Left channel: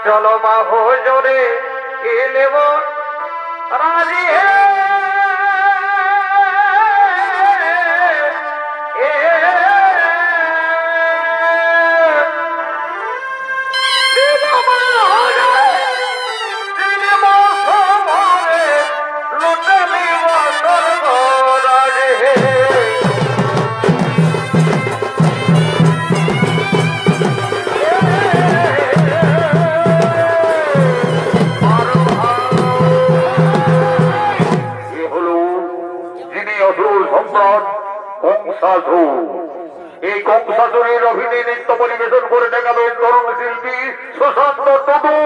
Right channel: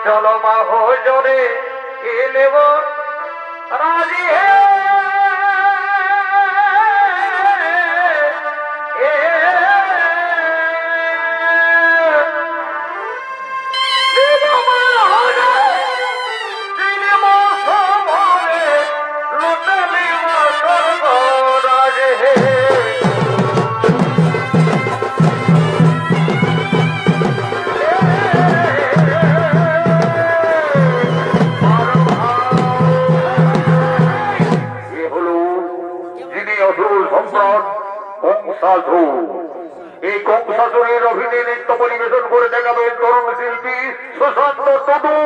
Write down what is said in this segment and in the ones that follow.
चलो बाबू जोरे खेलेबो राजी है সাধু এই কংসাসনের অভিনয় নৃত্য পরিবেশন করে দেখাবেন তরুণ শিল্পী সুশান্ত টুডু।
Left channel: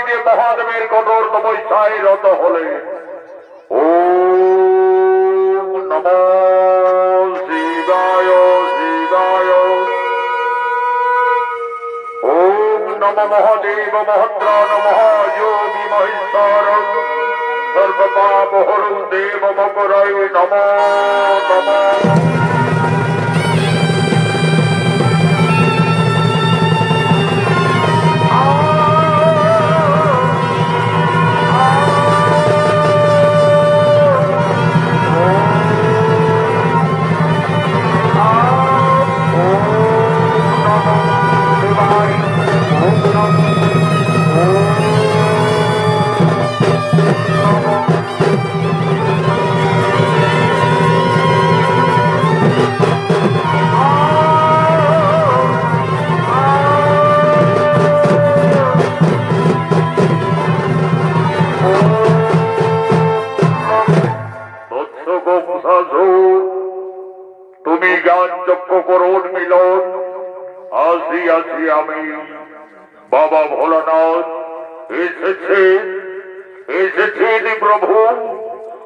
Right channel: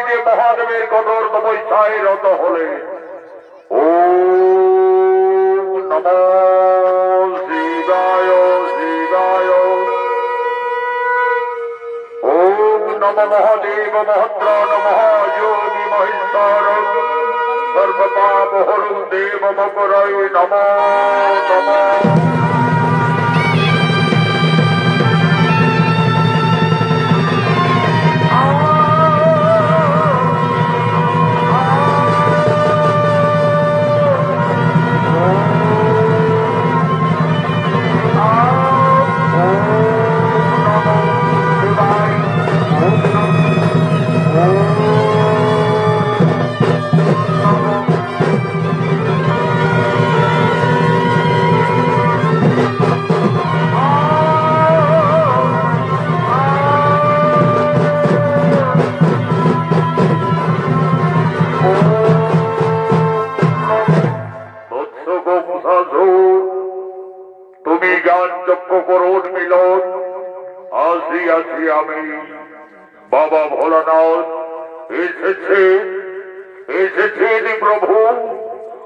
নিজে মহাদেবের কঠোর তপস্যায় রত হলে ও নমো শিবায় শিবায় ওম নমো মহাদেব মহদ্রাণ মহাযোগী মহেশ্বর সর্বপাপ হরু দেব মকরায় নমো নমো তুমি জ্ঞান যজ্ঞ করুন মিলন আসি আসি আমি বাবা ভোলানাথ এসেছেন প্রভু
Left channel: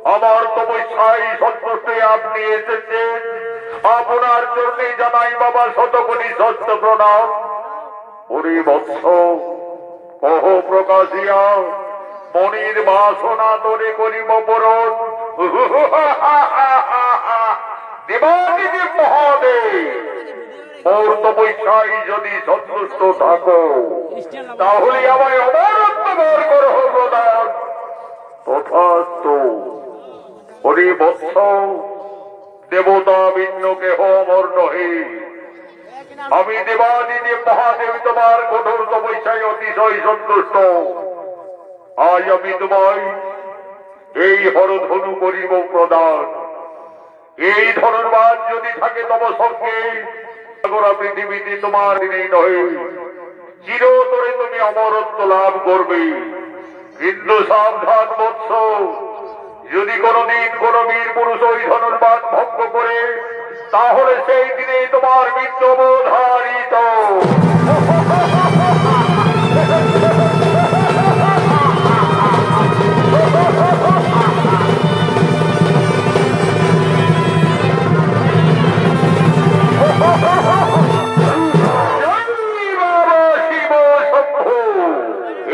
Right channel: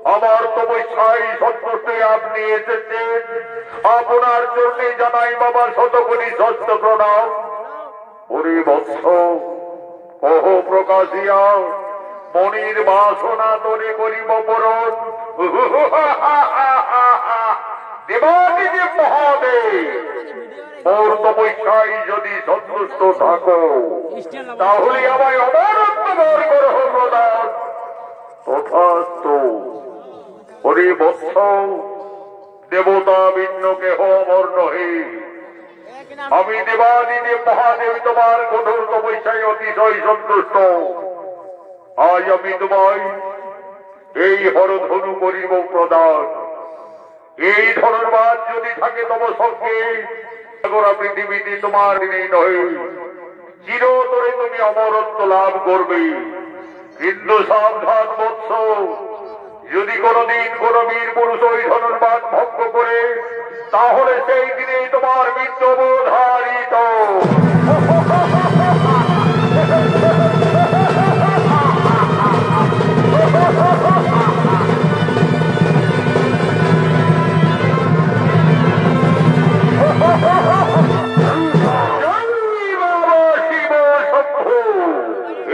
আমার তপস্যায় সন্তুষ্টে আপনি এসেছেন আপনার জন্য জানাই বাবা শতকোটি সত্য প্রণাম হরি বৎস কহ প্রকাশিয়া মনির বাসনা তোরে করিব পূরণ দেবাদিদেব মহাদেব মোর তপস্যায় যদি সন্তুষ্ট থাকো তাহলে আমায় অমরত্ব বর করহ প্রদান তথাস্তু হরি বৎস দেবতা ভিন্ন কেহ অমর নহে আমি দেবাদিদেব মহাদেব তোমার কঠোর তপস্যায় অতিশয় সন্তুষ্ট আজ আমি তোমায় এই হরধনু করিব প্রদান এই ধর্মবাদ যদি থাকে তব সঙ্গে গোটা পৃথিবীতে তোমার দিনেই নয় চিরতরে তুমি অমরত্ব লাভ করবে কিন্তু সাবধান বৎস যদি কোনদিন কোন বীর পুরুষ ওই ধর্মবাদ ভঙ্গ করে তাহলে সেই দিনে তোমার মৃত্যু বোধারিত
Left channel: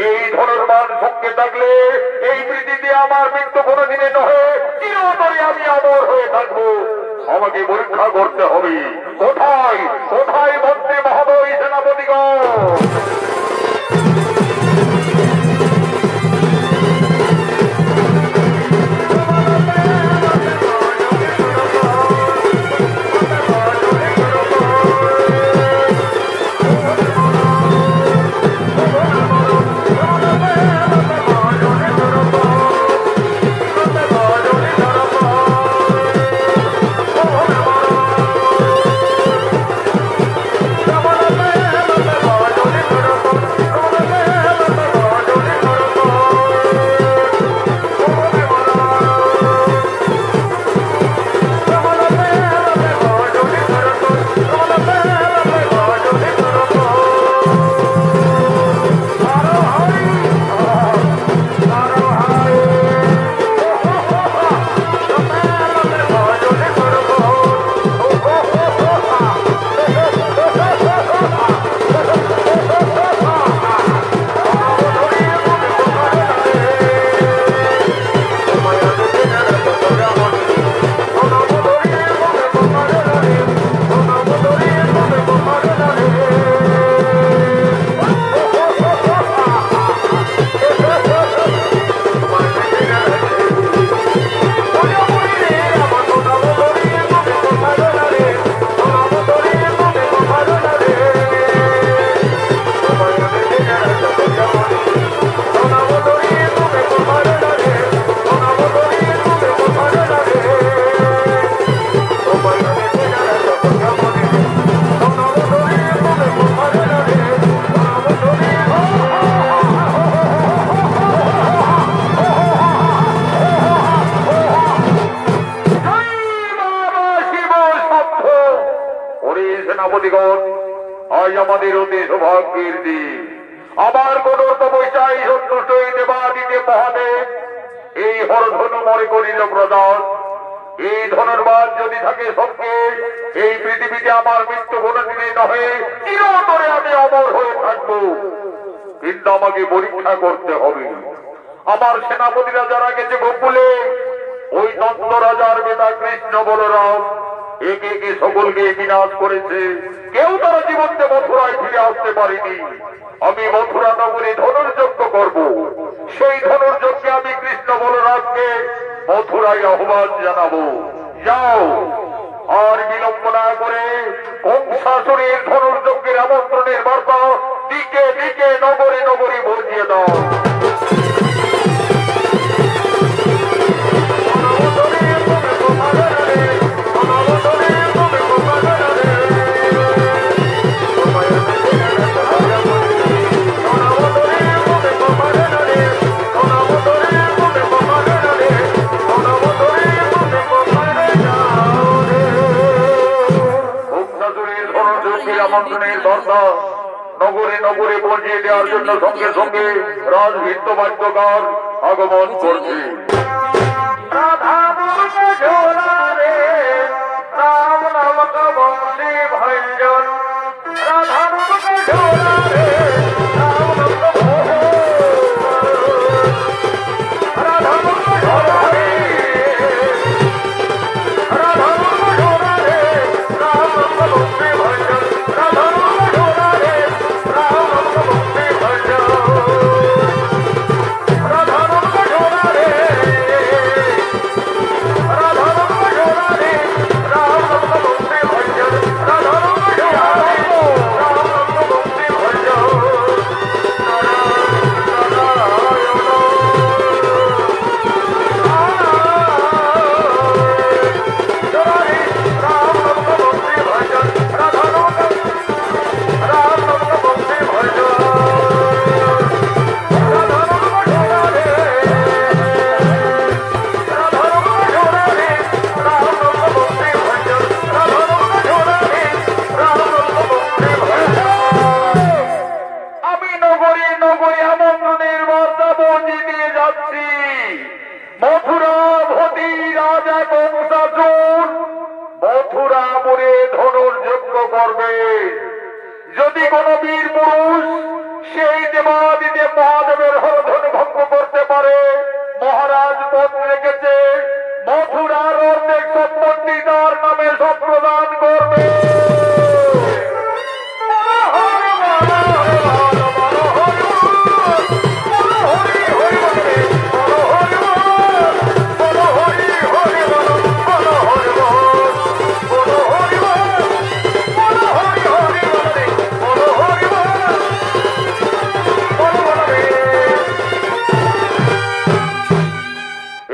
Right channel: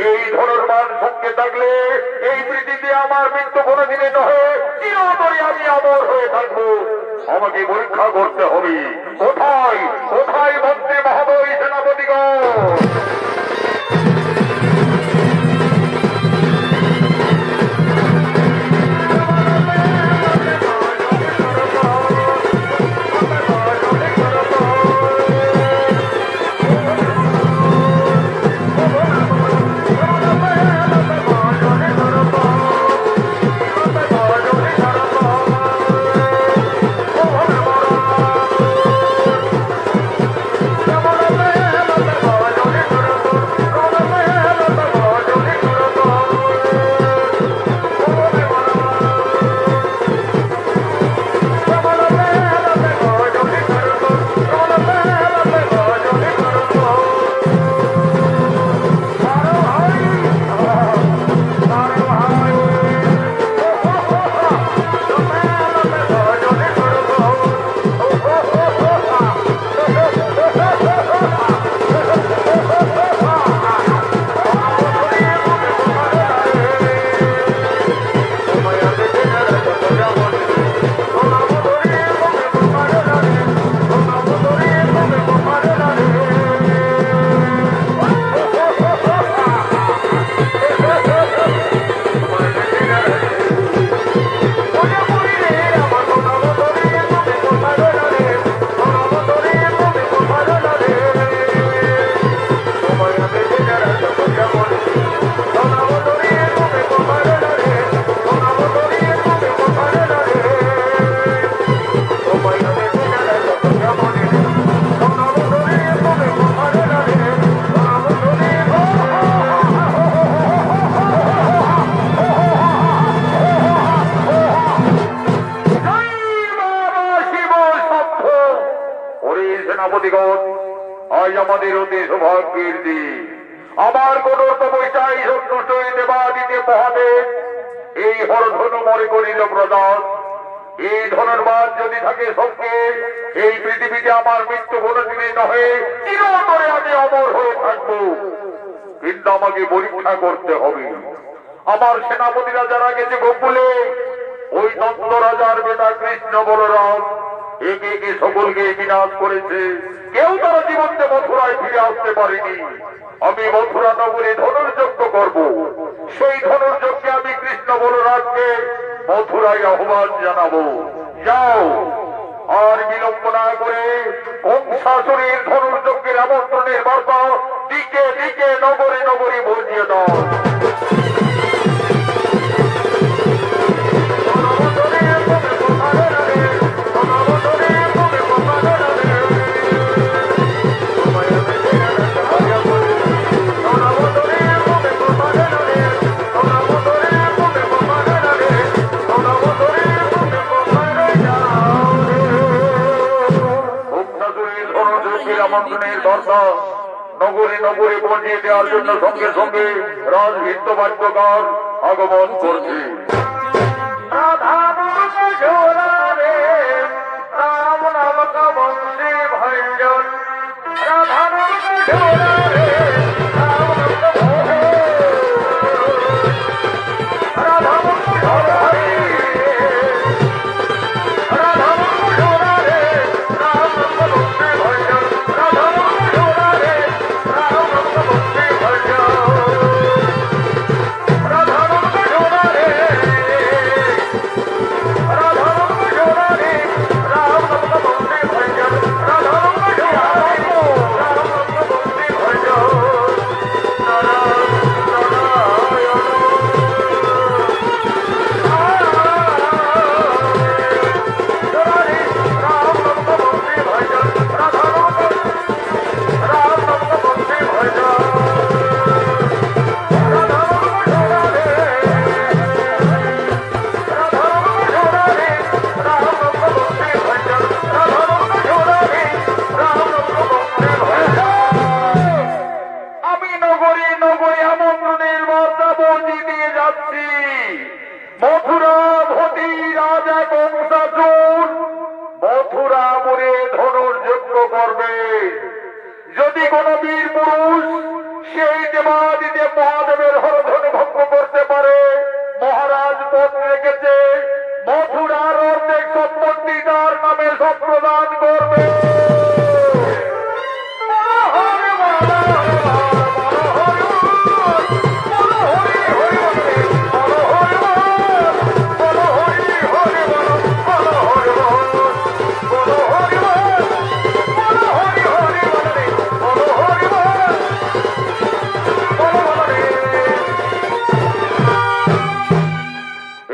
এই ধর্মবাদ সঙ্গে থাকলে এই পৃথিবীতে আমার মৃত্যু কোনদিনে নহে চিরতরে আমি অমর হয়ে থাকবো আমাকে পরীক্ষা করতে হবে কোথায় কোথায় মন্ত্রী মহোদয় সেনাপতিগণ সেনাপতিগণ আজ আমাদের অতি সৌভাগ্যের দিন আমার কোন তপস্যাই সন্তুষ্ট হইতে বা দিতে মহাদেব এই হরধনু মনে করিল প্রদান। এই ধনুর্বাদ যদি থাকে সবকে এই পৃথিবীতে আমার মৃত্যু কোনদিনে নহে, চিরতরে আমি অমর হয়ে থাকবো। কিন্তু আমাকে পরীক্ষা করতে হবে। আমার সেনাপতিরা যারা গেছে গোকুলে, ওই নন্দ রাজার বেটা কৃষ্ণ বলরাম একে একে সকলকে বিনাশ করেছে। কেউ তারা জীবনকে মথুরায় ফিরে আসতে পারেনি। আমি মথুরা নগরী ধনুর্যজ্ঞ করব। সেই ধনুর্যজ্ঞে আমি কৃষ্ণ বলরামকে মথুরায় আহ্বান জানাবো। যাও, আর বিলম্ব না করে কংসাসুরের ধনুর্যজ্ঞের আমন্ত্রণের বার্তা দিকে দিকে নগরে নগরে বসিয়ে দাও। নগরে নগরে পৌঁছে দেওয়ার জন্য সঙ্গে সঙ্গে রাজভিত্ত বাদ্যকার আগমন করছে। রাম নামক বন্দে ভঞ্জন, রাধা নামক ঝোলা রে, রাম নামক রাধা নামক ঝোলা রে, রাধা নামক ঝোলা রে, রাম নামক বন্দে ভঞ্জন, রাধা নামক ঝোলা রে, রাম নামক বন্দে ভঞ্জন, রাধা নামক ঝোলা রে, রাধা নামক ঝোলা রে, রাম নামক বন্দে ভঞ্জন, রাধা নামক ঝোলা রে, রাম নামক বন্দে ভঞ্জন। আমি নগরে নগরে আমন্ত্রণের বার্তা পৌঁছে দিয়ে যাচ্ছি। মথুরাভূতি রাজা কংসাসুর মথুরাপুরে ধনুর্যজ্ঞ করবে। যদি কোন বীর পুরুষ সেই দেবাদিতে মহাদেবের হরধনু ভঙ্গ করতে পারে, মহারাজ পদ রেখেছে মথুরার অর্ধেক সম্পত্তি তার নামে সম্প্রদান করবে।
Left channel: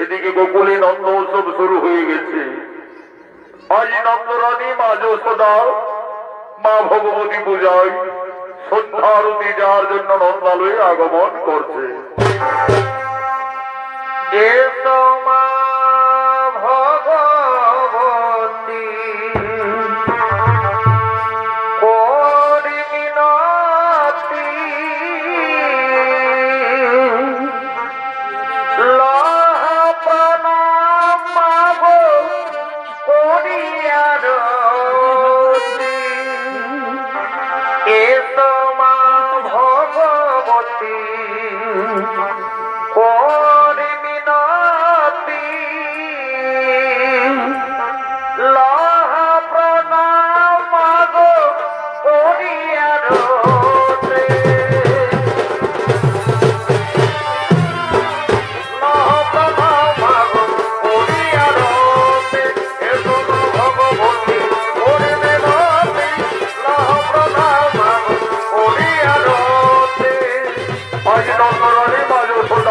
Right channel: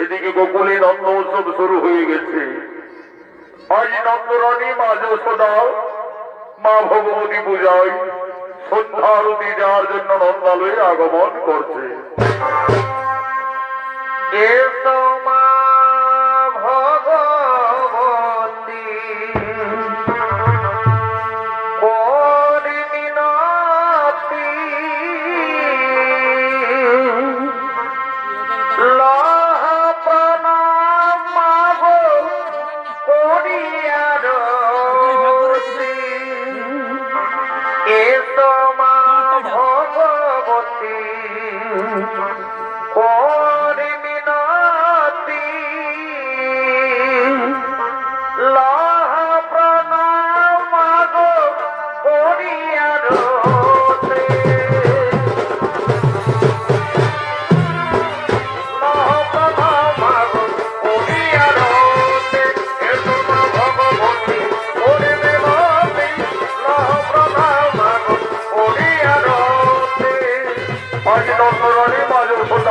এদিকে গোকুলে নন্দ উৎসব শুরু হয়ে গেছে। আজ নন্দরানী মা যশোদা মা ভগবতী পূজায় সন্ধ্যা আরতি দেওয়ার জন্য নন্দালয়ে আগমন করছে। ভগবতী করিমিনতি লহ প্রণাম মাগো করিয়ার এসো মা ভগবতী করিমিনতি লহ প্রণাম মাগো করিয়ার আজ নন্দরানী মা যশোদা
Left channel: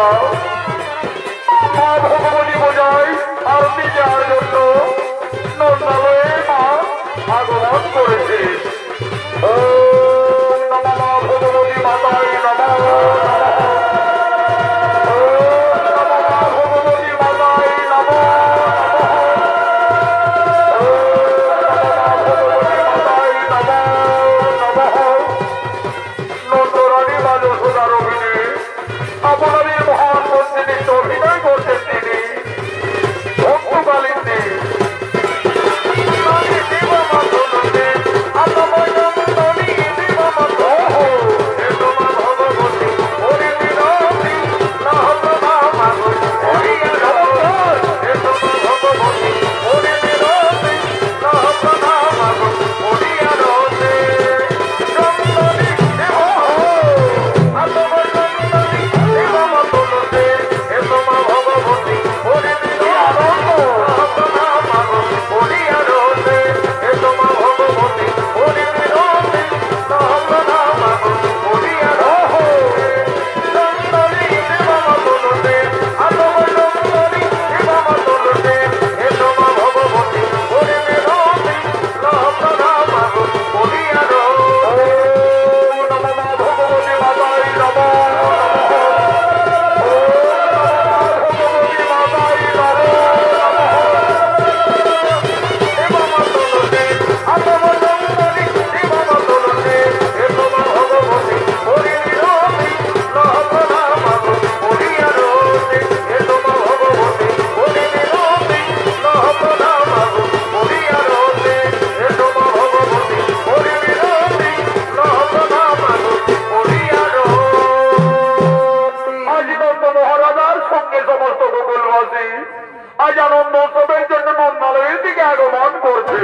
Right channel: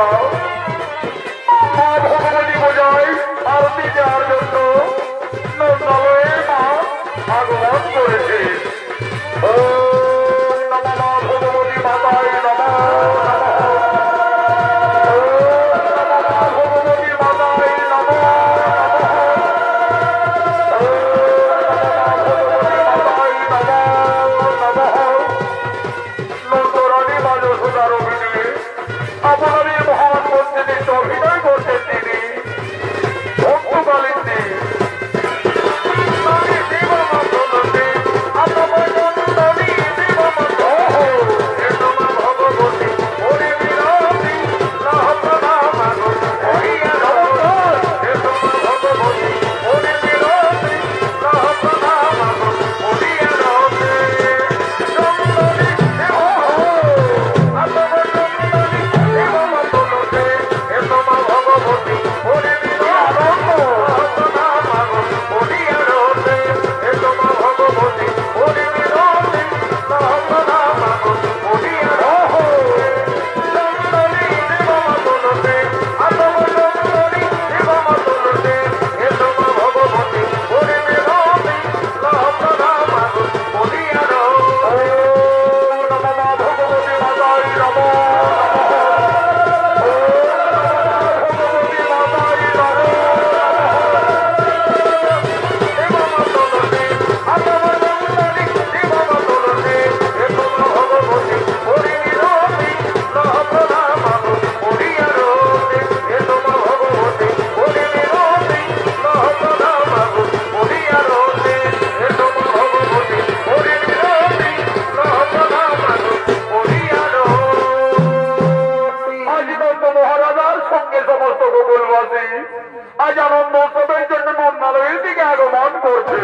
মহারাজার সঙ্গে সমস্ত গোকুলবাসী আজ আনন্দ উৎসবের জন্য নন্দালয়ের দিকে আগমন করছে।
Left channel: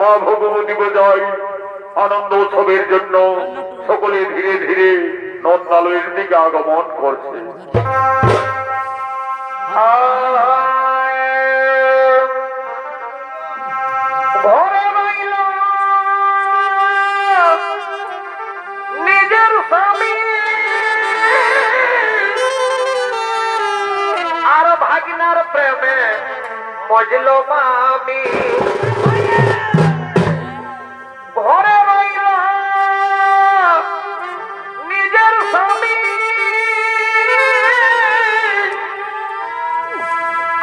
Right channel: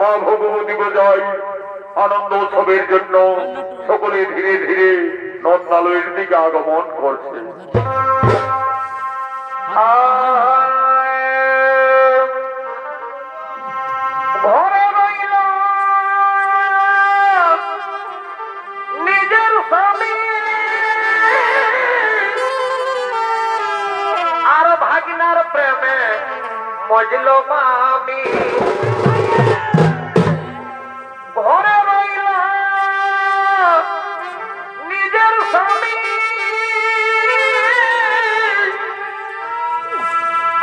মা ভগবতী বোঝাই আনন্দ উৎসবের জন্য সকলে ধীরে ধীরে নন্দালয়ের দিকে আগমন করছে। নিজের স্বামী আর ভাগিনার প্রেমে মজলো মামি ঘরে রইল নিজের স্বামী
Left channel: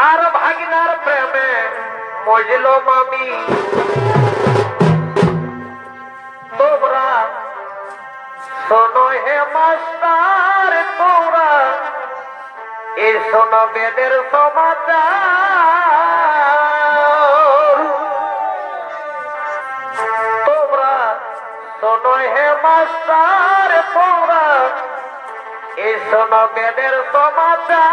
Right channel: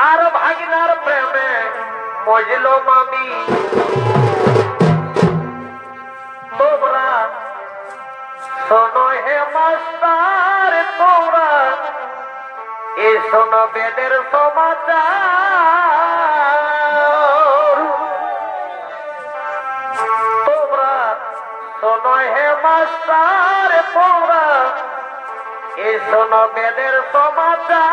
আর ভাগিনার প্রেমে মজলো মামি। তোমরা শোনো হে মাস্টার, তোমরা এ শোনো বেদের সমাচার, তোমরা শোনো হে মাস্টার, তোমরা এ শোনো বেদের সমাচার।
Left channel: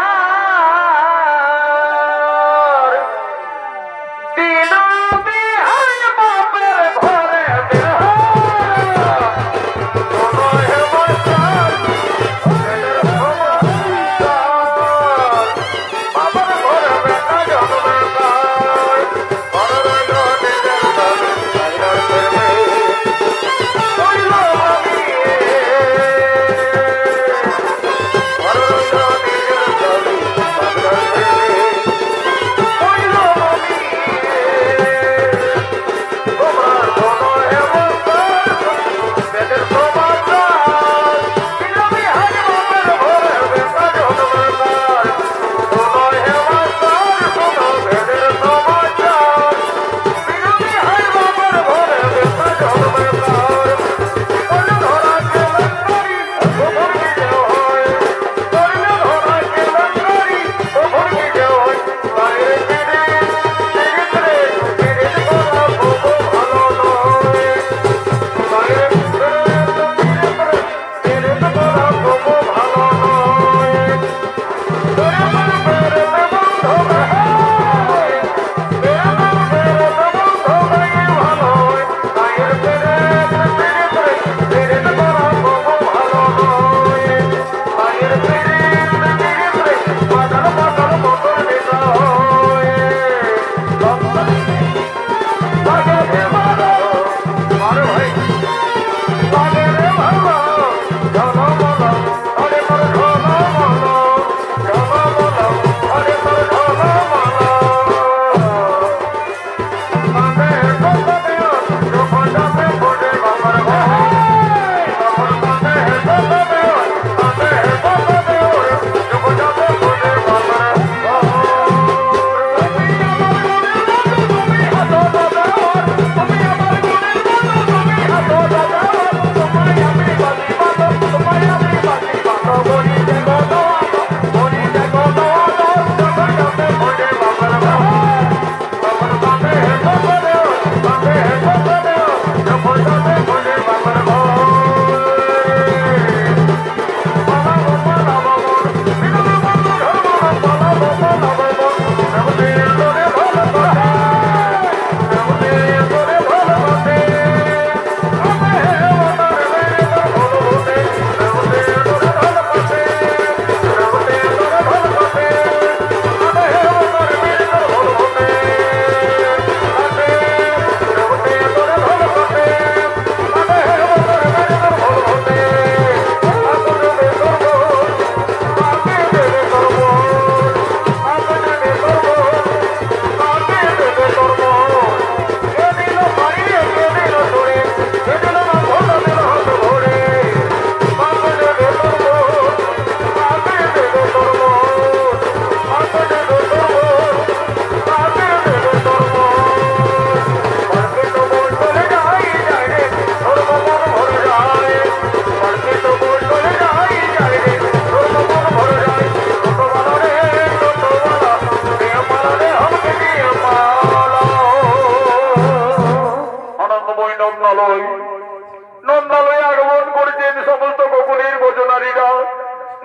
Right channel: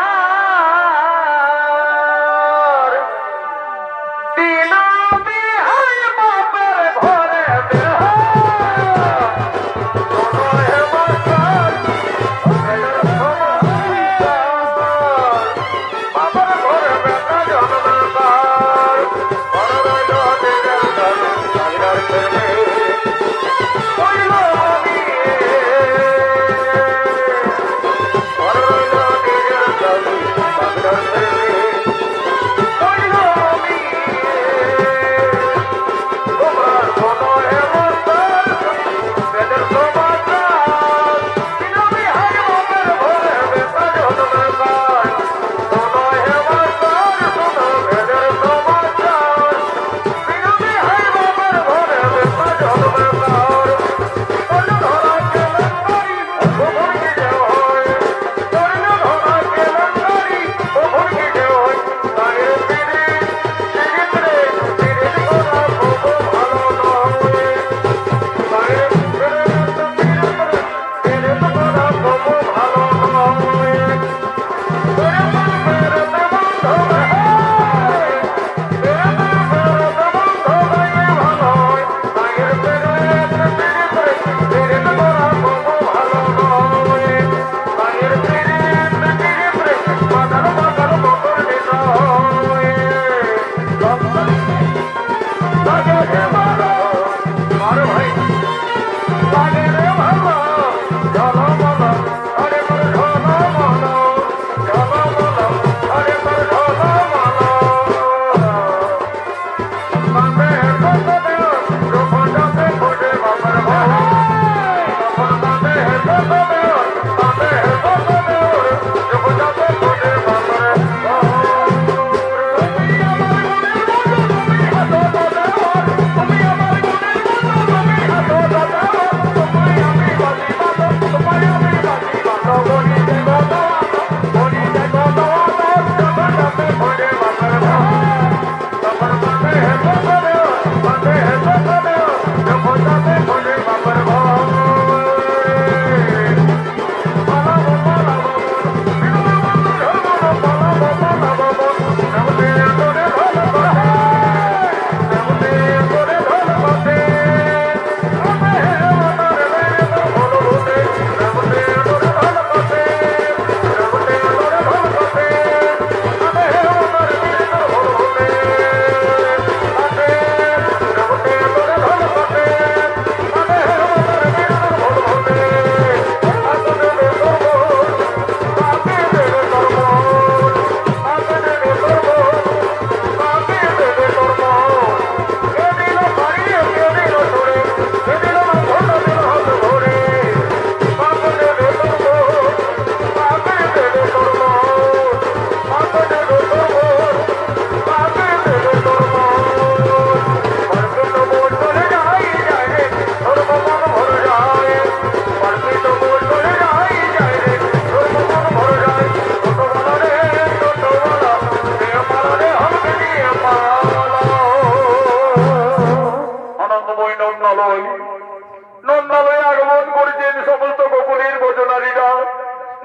নন্দালয়ে আগমন করেছেন সমস্ত গোকুলের বচনারীরা।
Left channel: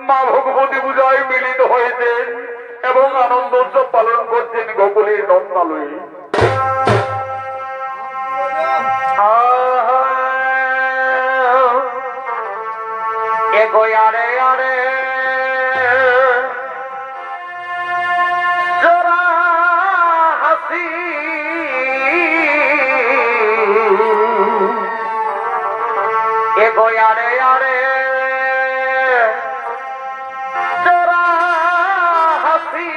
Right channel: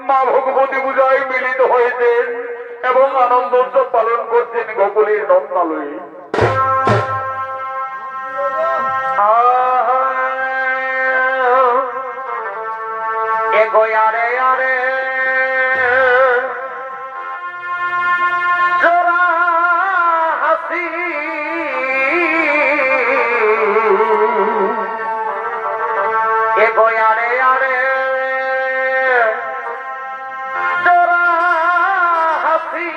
মা ভগবতী পূজায় মিলিত হয়েছেন এবং আনন্দ উৎসব পালন করছেন গোকুলের নন্দালয়ে। আরে আরে জোড়া হাসি আরে আরে জোড়া হাসি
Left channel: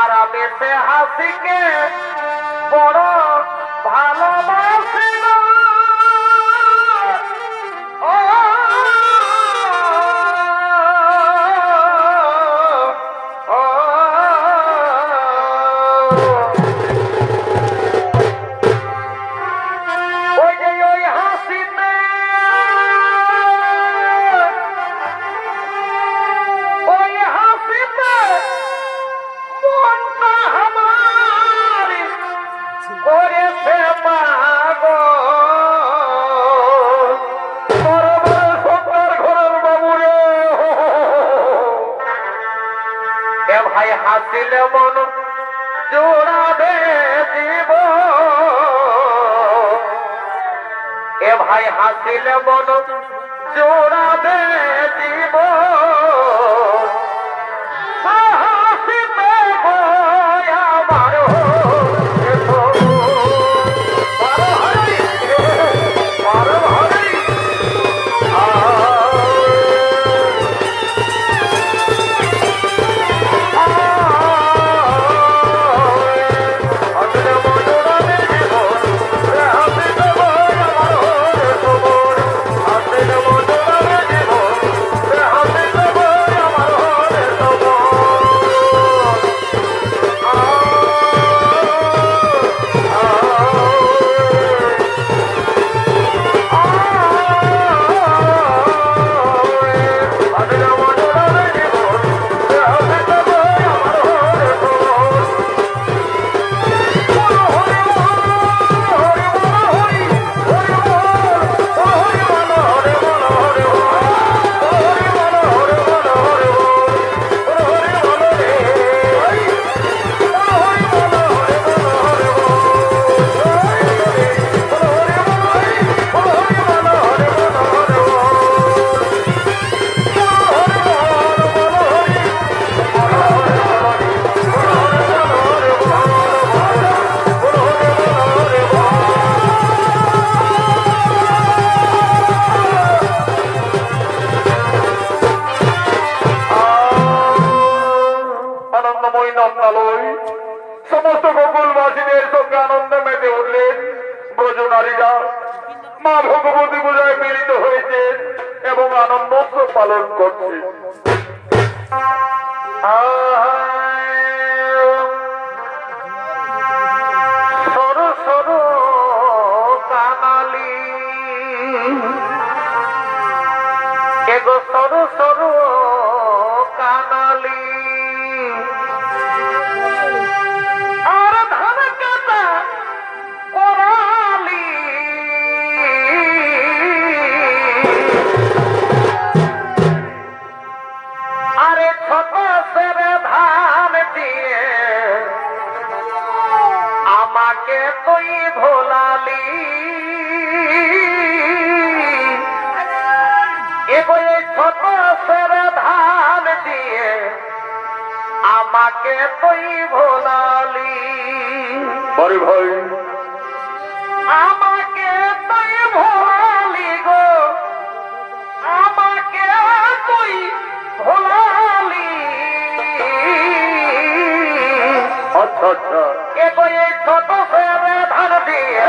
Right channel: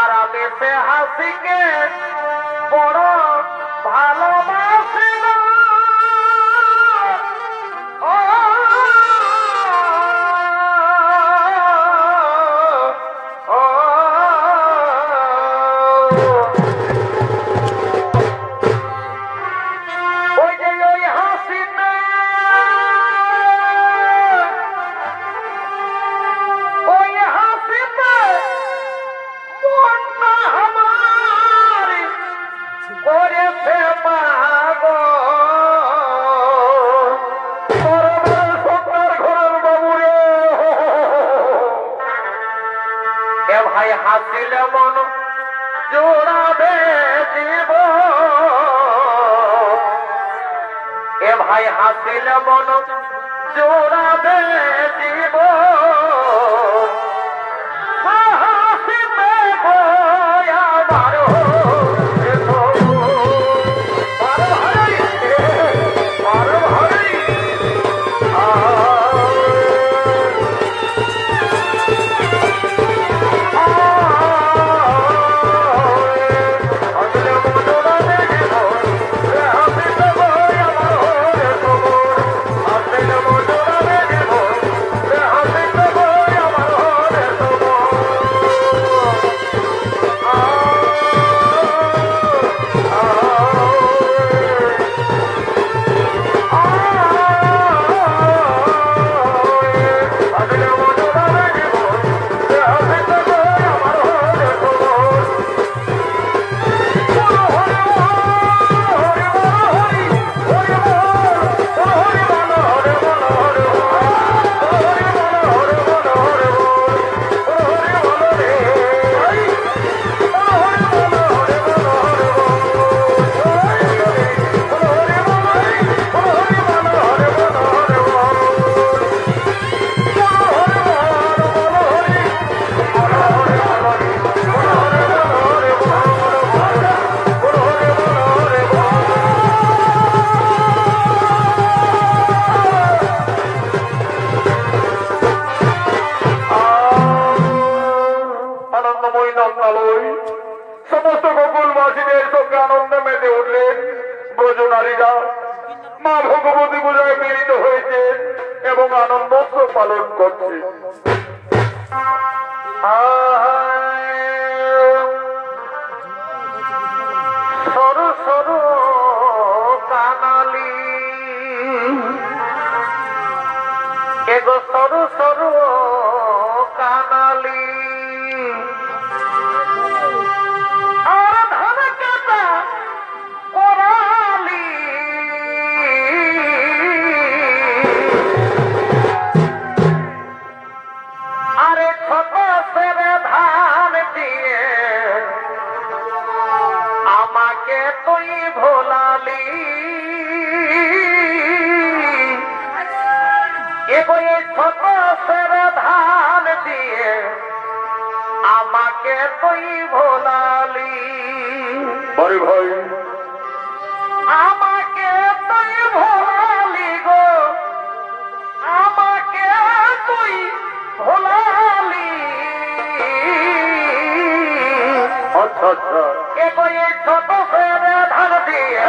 আর দেশে হাসিকে বড় ভালোবাসি ভাই হাসিল মন জোড়াবে জীব এ ভাই হাসিল মন জোড়াবে জীব সমস্ত গোকুলবাসীদের সঙ্গে আনন্দে মেতে উঠলেন ব্রজনারীরা। মা ভগবতী পূজায় মিলিত হয়েছে এবং আনন্দ উৎসব পালন করছে। সরু সরু কানালি এগো সরু সরু কানালি আমাকে তুই ভোলালি বড় ভাই আমাকে তুই ভোলালি গো আমাকে তুই ভোলালি আচ্ছা আচ্ছা কে কই ছোট ছেলে ধান দিয়ে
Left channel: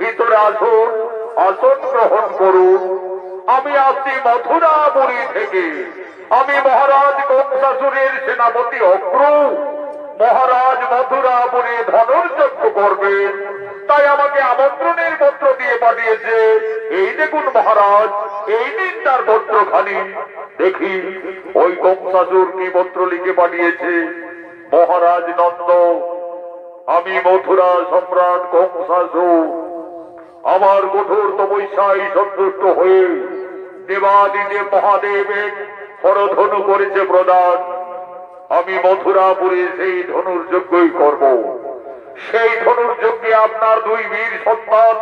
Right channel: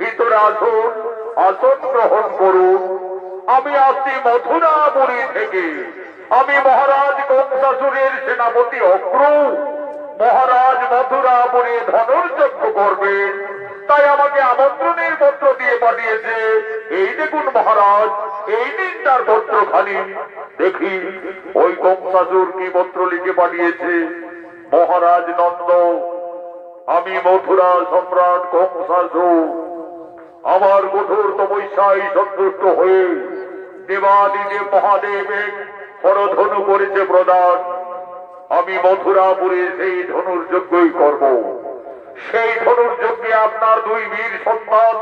ভিতরে আসুন আসন গ্রহণ করুন আমি আসছি মথুরাপুরী থেকে আমি মহারাজ কংসাসুরের সেনাপতি অগ্র মহারাজ মথুরাপুরে ধনুর্যজ্ঞ করবেন তাই আমাকে আমন্ত্রণের পত্র দিয়ে পাঠিয়েছে এই দেখুন মহারাজ এই দিন তার পত্রখানি দেখি ওই কংসাসুর কি পত্র লিখে পাঠিয়েছে মহারাজ নন্দ আমি মথুরা সম্রাট কংসাসুর আমার কঠোর তপস্যায় সন্তুষ্ট হয়ে দেবাদিদেব মহাদেবের হরধনু করেছে প্রদান আমি মথুরাপুরে সেই ধনুর্যজ্ঞই করব সেই ধনুর্যজ্ঞে আপনার দুই বীর সন্তান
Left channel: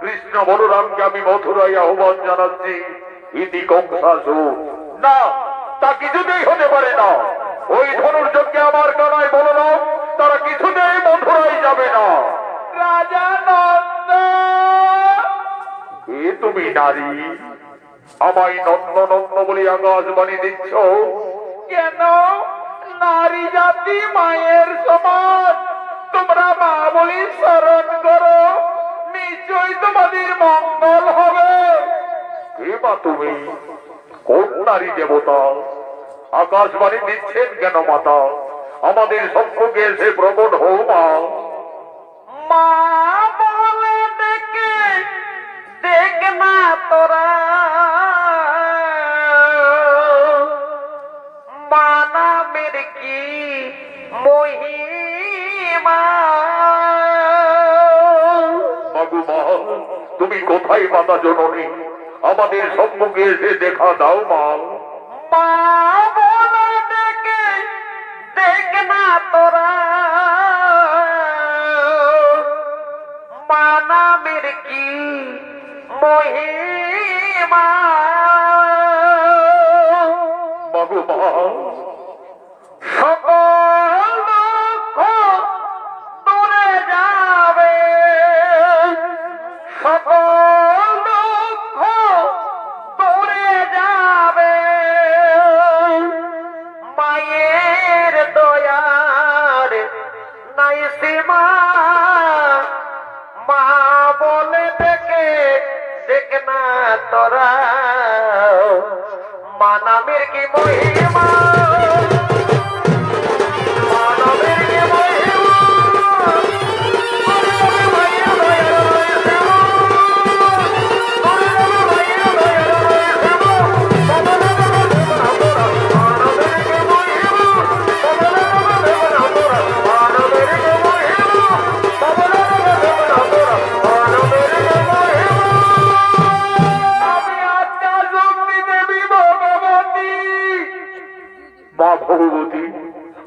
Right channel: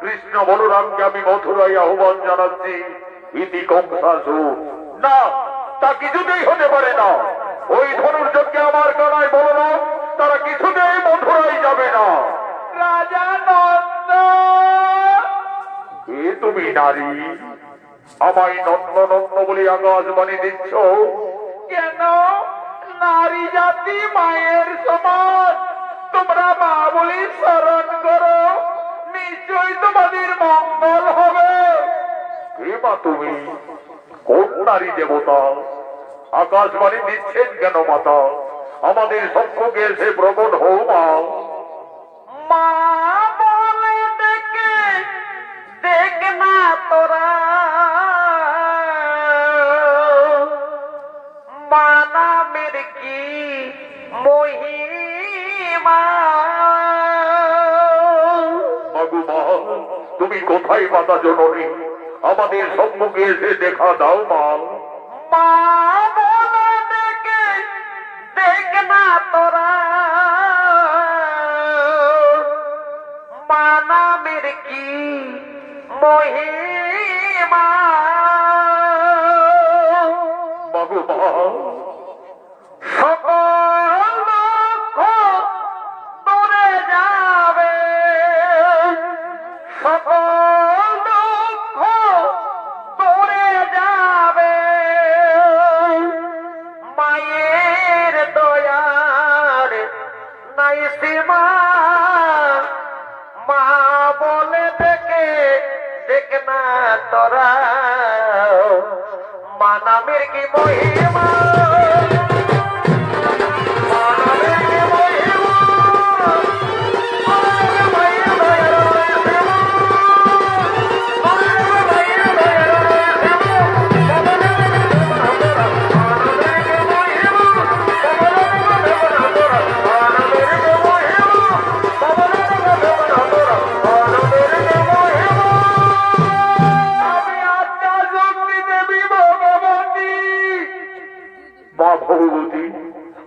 কৃষ্ণ বলরামকে আমি মথুরায় আহ্বান জানাচ্ছি ইতি কংসাসুর না তা কিছুতেই হতে পারে না ওই ধনুর্যজ্ঞে আমার কানায় বলরাম তারা কিছুতেই মথুরায় যাবে না রাজা নন্দ এ তুমি নারী আমায় নন্দ নন্দ বলে আকাশবাণী দিচ্ছ কেন নারী জাতি মায়ের সমান তোমরা মা বলে স্মরণ করো নিশ্চয়ই তোমাদের মঙ্গল হবে হে মা তুমি কোন নারী দেবতা আকাশবাণী দিচ্ছেন কেন মাতা আমাদের সম্মুখে এসে প্রকট হও মা মা বলে ডেকে দেখ না তোরা মানামের কি মহিমা বাবু মা তুমি কোথায় মাতা জননী আমাদের সম্মুখে এসে দেখা দাও মা মা বলে ডেকে দেখ না তোরা মানামের কি মহিমা বাবু মা সকল দুঃখ দূরে যাবে সকল দুঃখ দূরে যাবে মায়ের দয়ার নাই সীমা মা বলে ডেকে দেখ না না তোরা মানামের কি মহিমা ভগবতী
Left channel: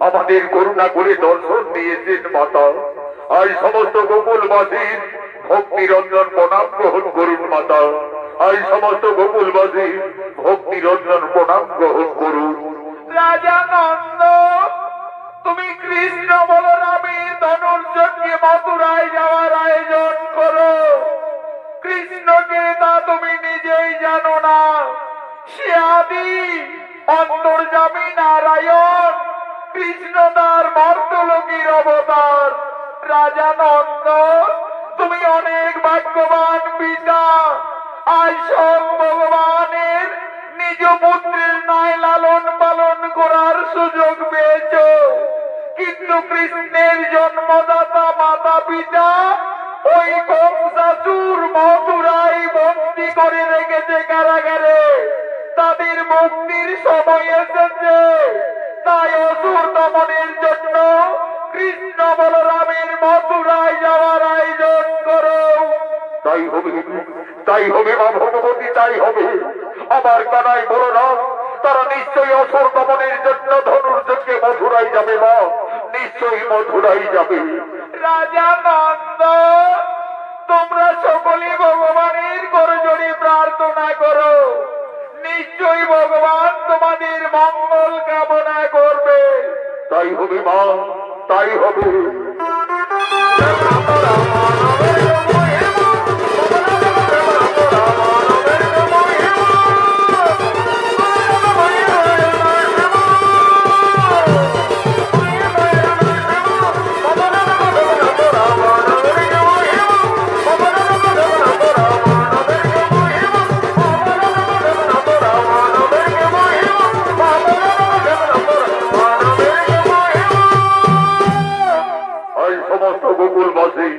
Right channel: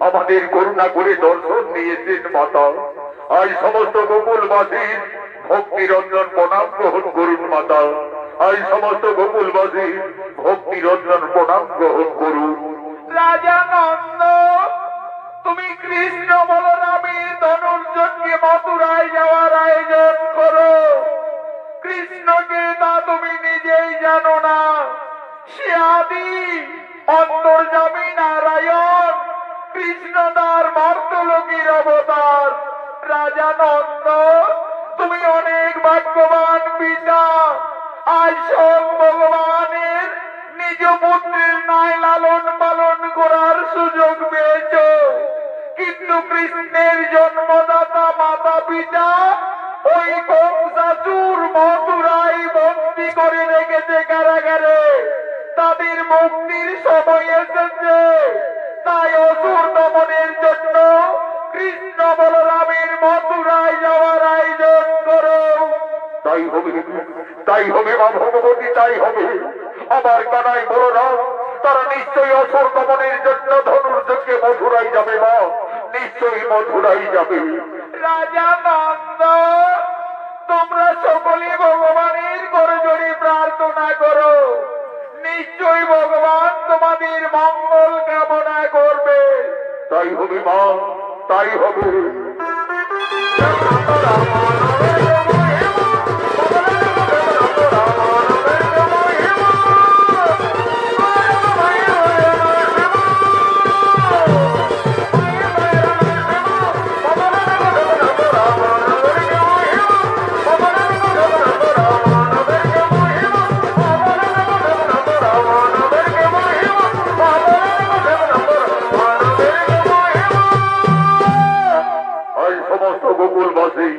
আমাদের করুণা করে দর্শন দিয়েছেন মাতা আর সমস্ত গোকুলবাসীর ভক্তিরঞ্জন প্রণাম গ্রহণ করুন মাতা আর সমস্ত গোকুলবাসীর ভক্তিরঞ্জন প্রণাম গ্রহণ করুন। রাজা নন্দ তুমি কৃষ্ণ বলরামের ধনুর্যকে মথুরায় যাওয়ার আয়োজন করো। কৃষ্ণকে তা তুমি নিজেই জানো না, সে আদি অন্তর্যামী নারায়ণ, কৃষ্ণ তার মর্তলোকের অবতার। রাজা নন্দ তুমি অনেক ভাগ্যবান পিতা, আজ সব ভগবানের নিজ পুত্রের ন্যায় লালন পালন করার সুযোগ পেয়েছ, কিন্তু কৃষ্ণের জন্মদাতা মাতা পিতা ওই কংসাসুর মথুরায় বন্দী করে রেখেছে কারাগারে। তাদের মুক্তির সময় এসেছে, তাই অসুর দমনের জন্য কৃষ্ণ বলরামের মথুরায় যাওয়ার আয়োজন করো। তাই হবে, তাই হবে মা ভগবতী, তাই হবে। আমার কানাই বলরাম তারা নিশ্চয়ই অসুর দমনের জন্য ধনুর্যকে মথুরাই যাবে মা, নিশ্চয়ই মথুরাই যাবে। রাজা নন্দ তোমরা সকলে ভগবানের করজোড়ে প্রার্থনা করো, নিশ্চয়ই ভগবান তোমাদের মঙ্গল কামনা করবে। তাই হবে মা, তাই হবে। গোকুলবাসী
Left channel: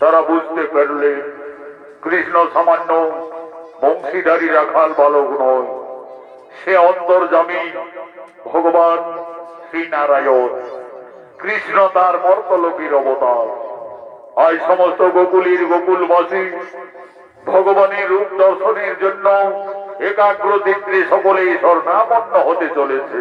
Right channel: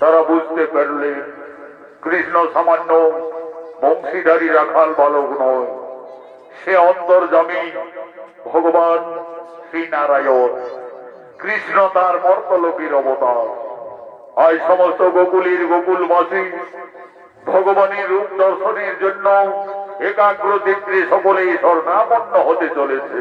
তারা বুঝতে পারলে কৃষ্ণ সামান্য বংশীধারী রাখাল বালক নয়, সে অন্তর্যামী ভগবান শ্রীনারায়ণ, কৃষ্ণ তার মর্তলোকের অবতার। আজ সমস্ত গোকুলের গোকুলবাসী ভগবানের রূপ দর্শনের জন্য একাগ্র চিত্রে সকলেই স্বর্ণাপন্ন হতে চলেছে।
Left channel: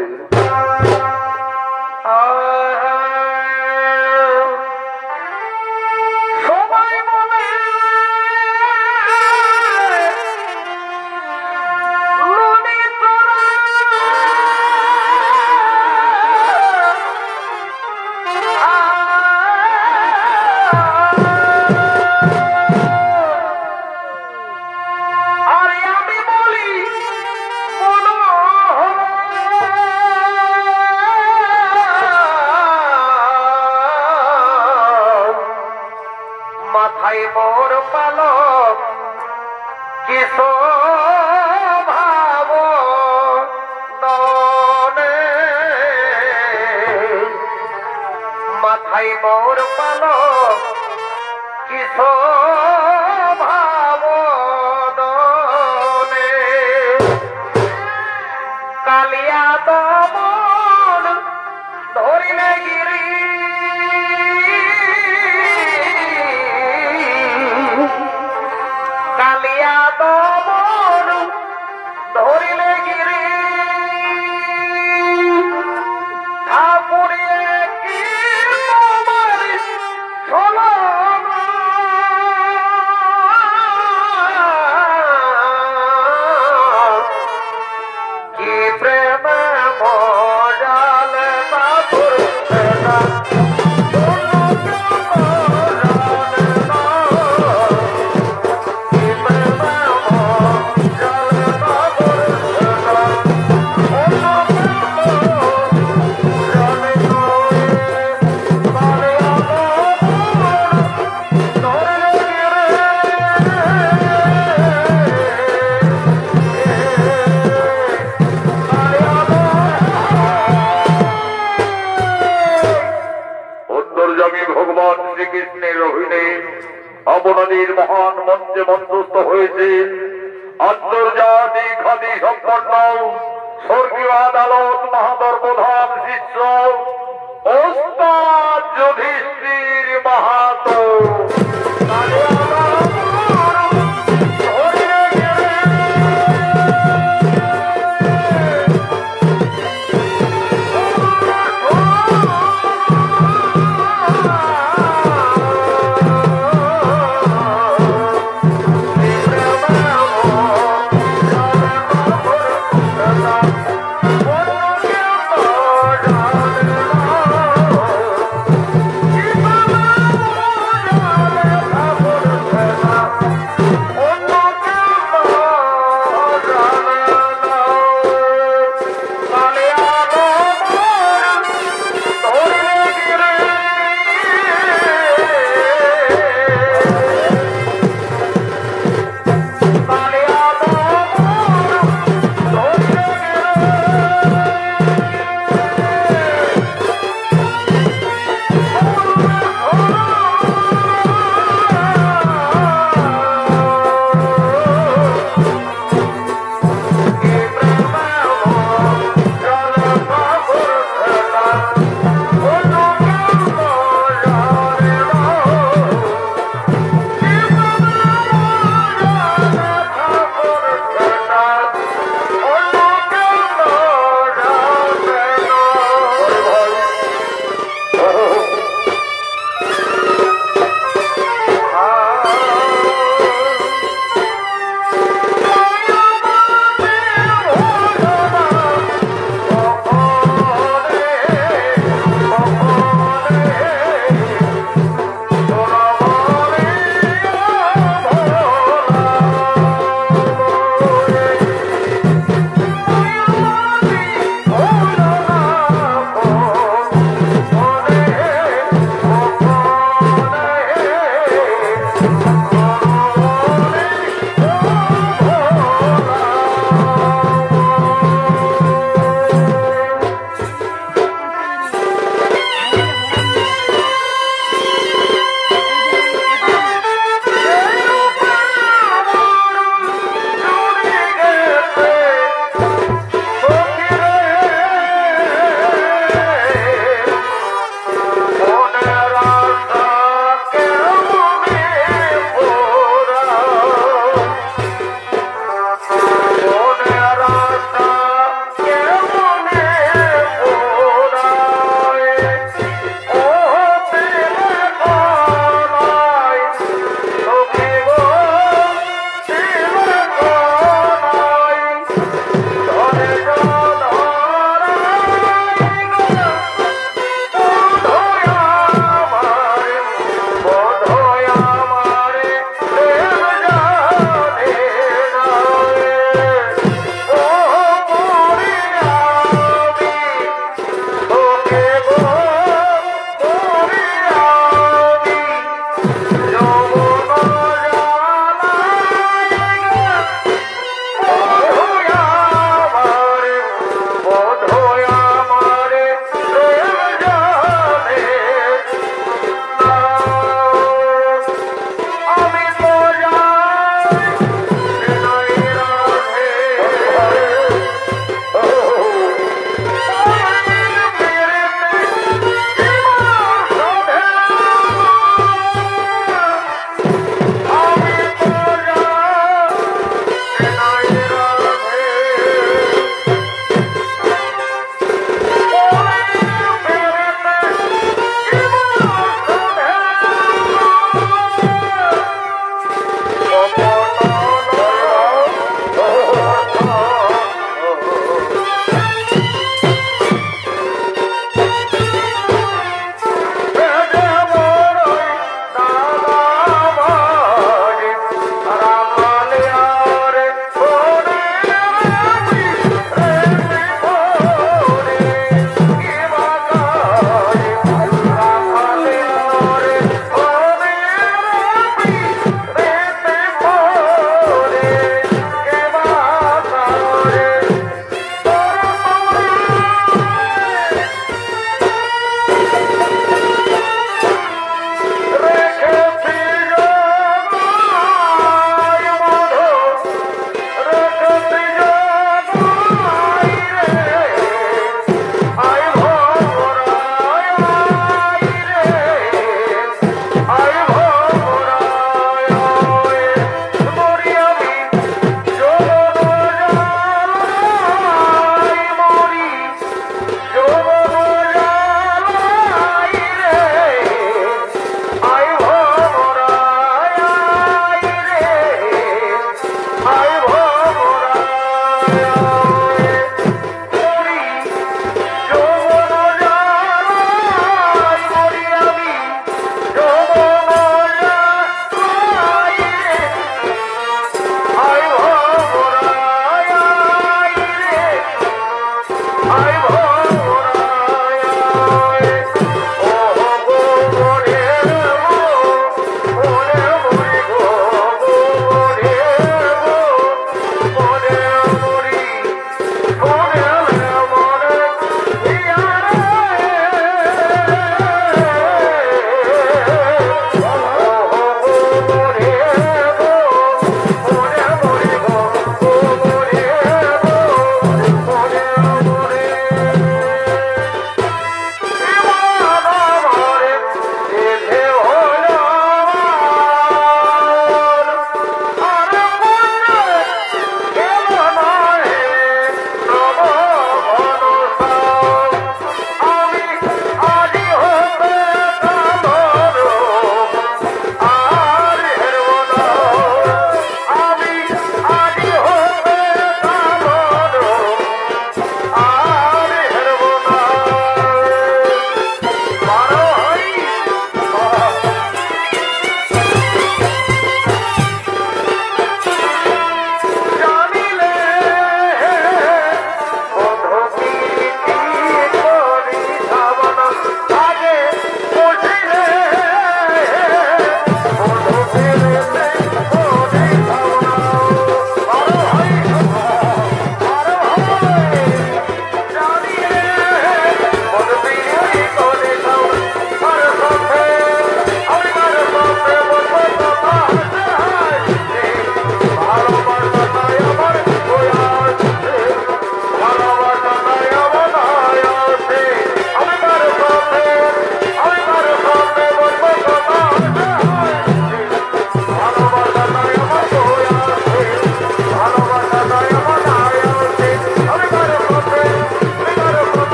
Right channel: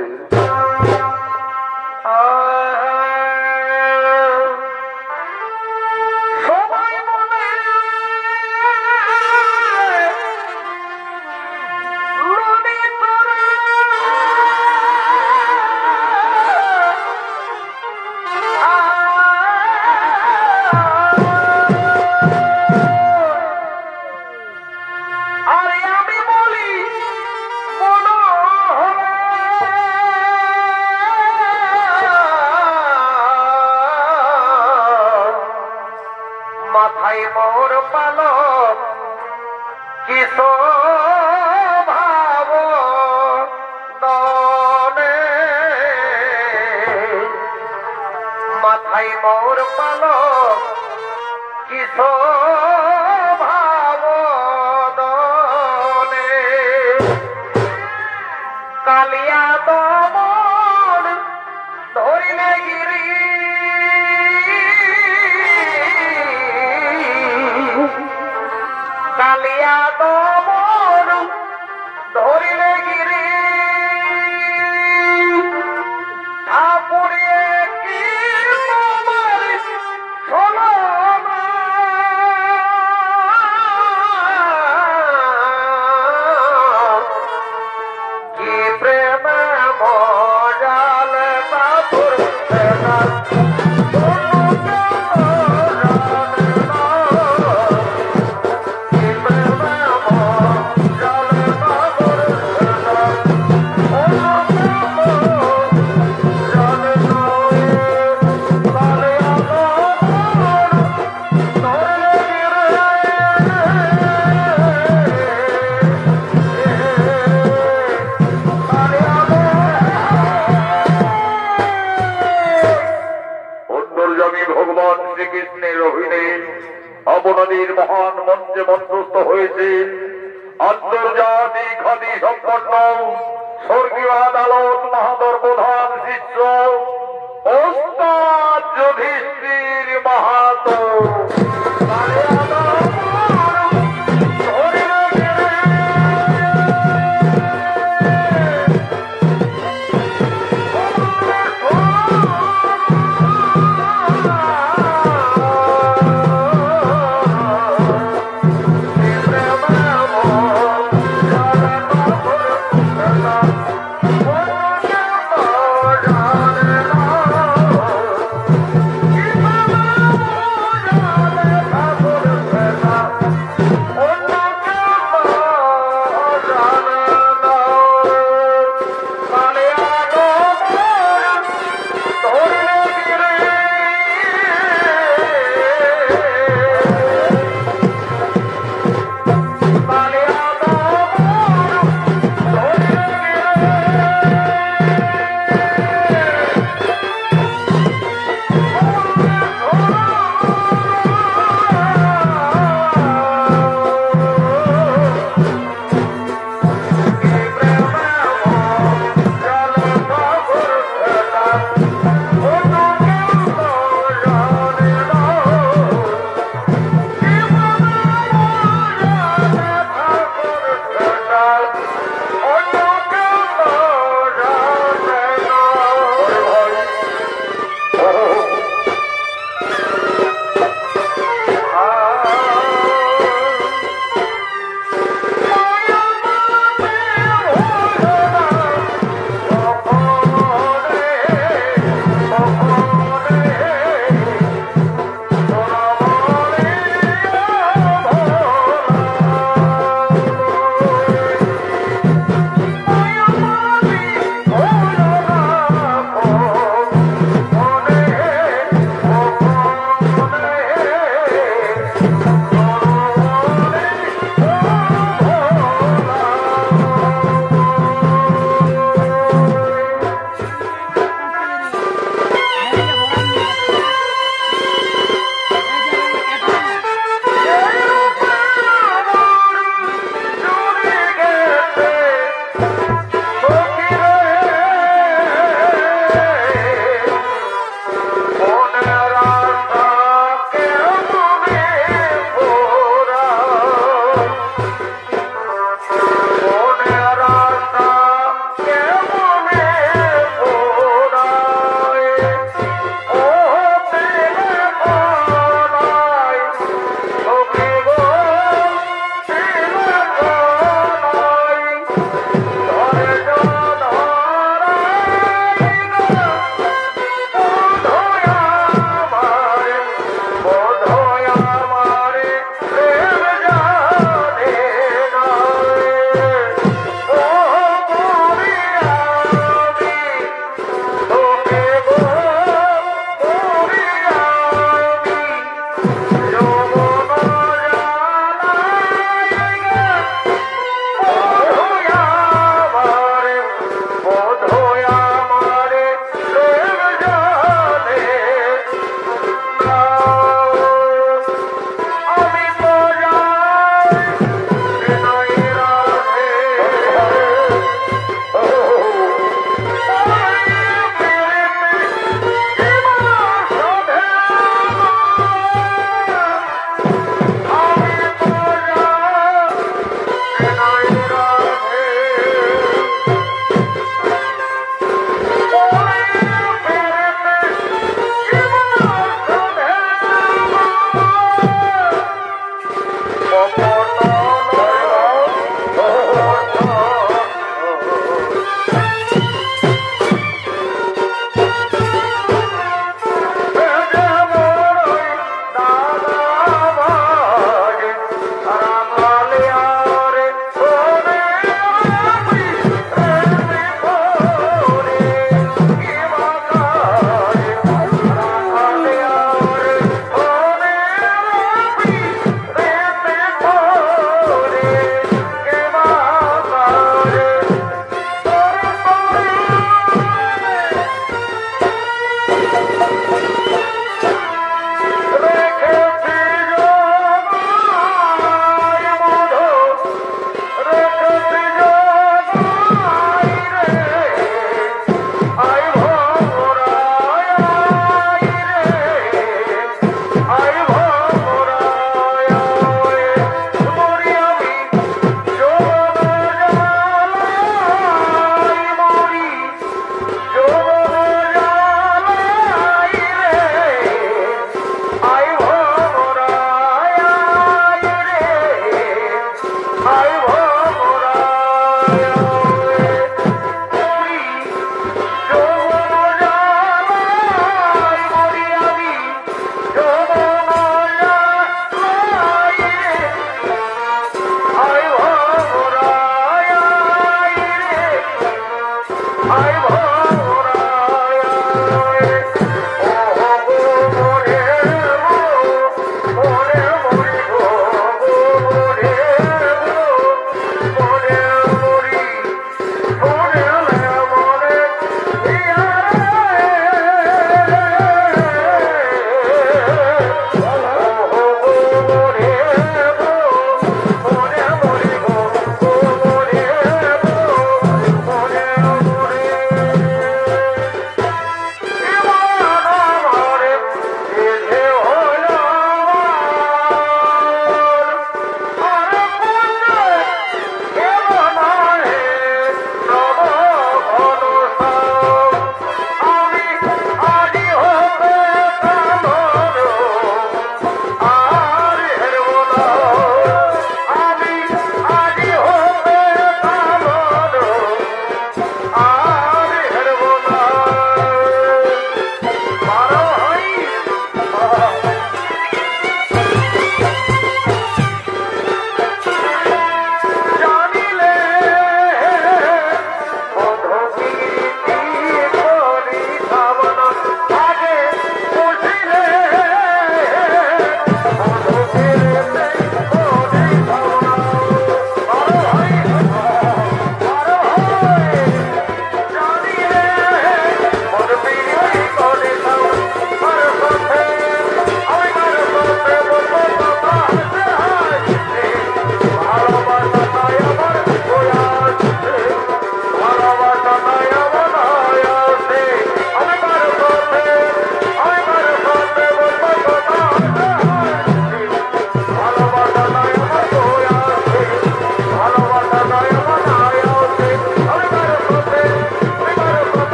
মাথায় মোর পালক কিশো ভাব দনে, মাথায় মোর পালক কিশো ভাব দনে, কালিয়া দমন ধরিলে গিরি, কালিয়া দমন ধরিলে গিরি, ঠাকুরিয়ে কি তোমার ছলনা, কি প্রেম মজাল বাপুর না আন্তর্জাতিক খ্যাতি সম্পন্ন স্বর্গীয় আদালত মাহাতর প্রধান শিষ্য ওস্তাদ যুধিষ্ঠির মাহাতো। Yeah.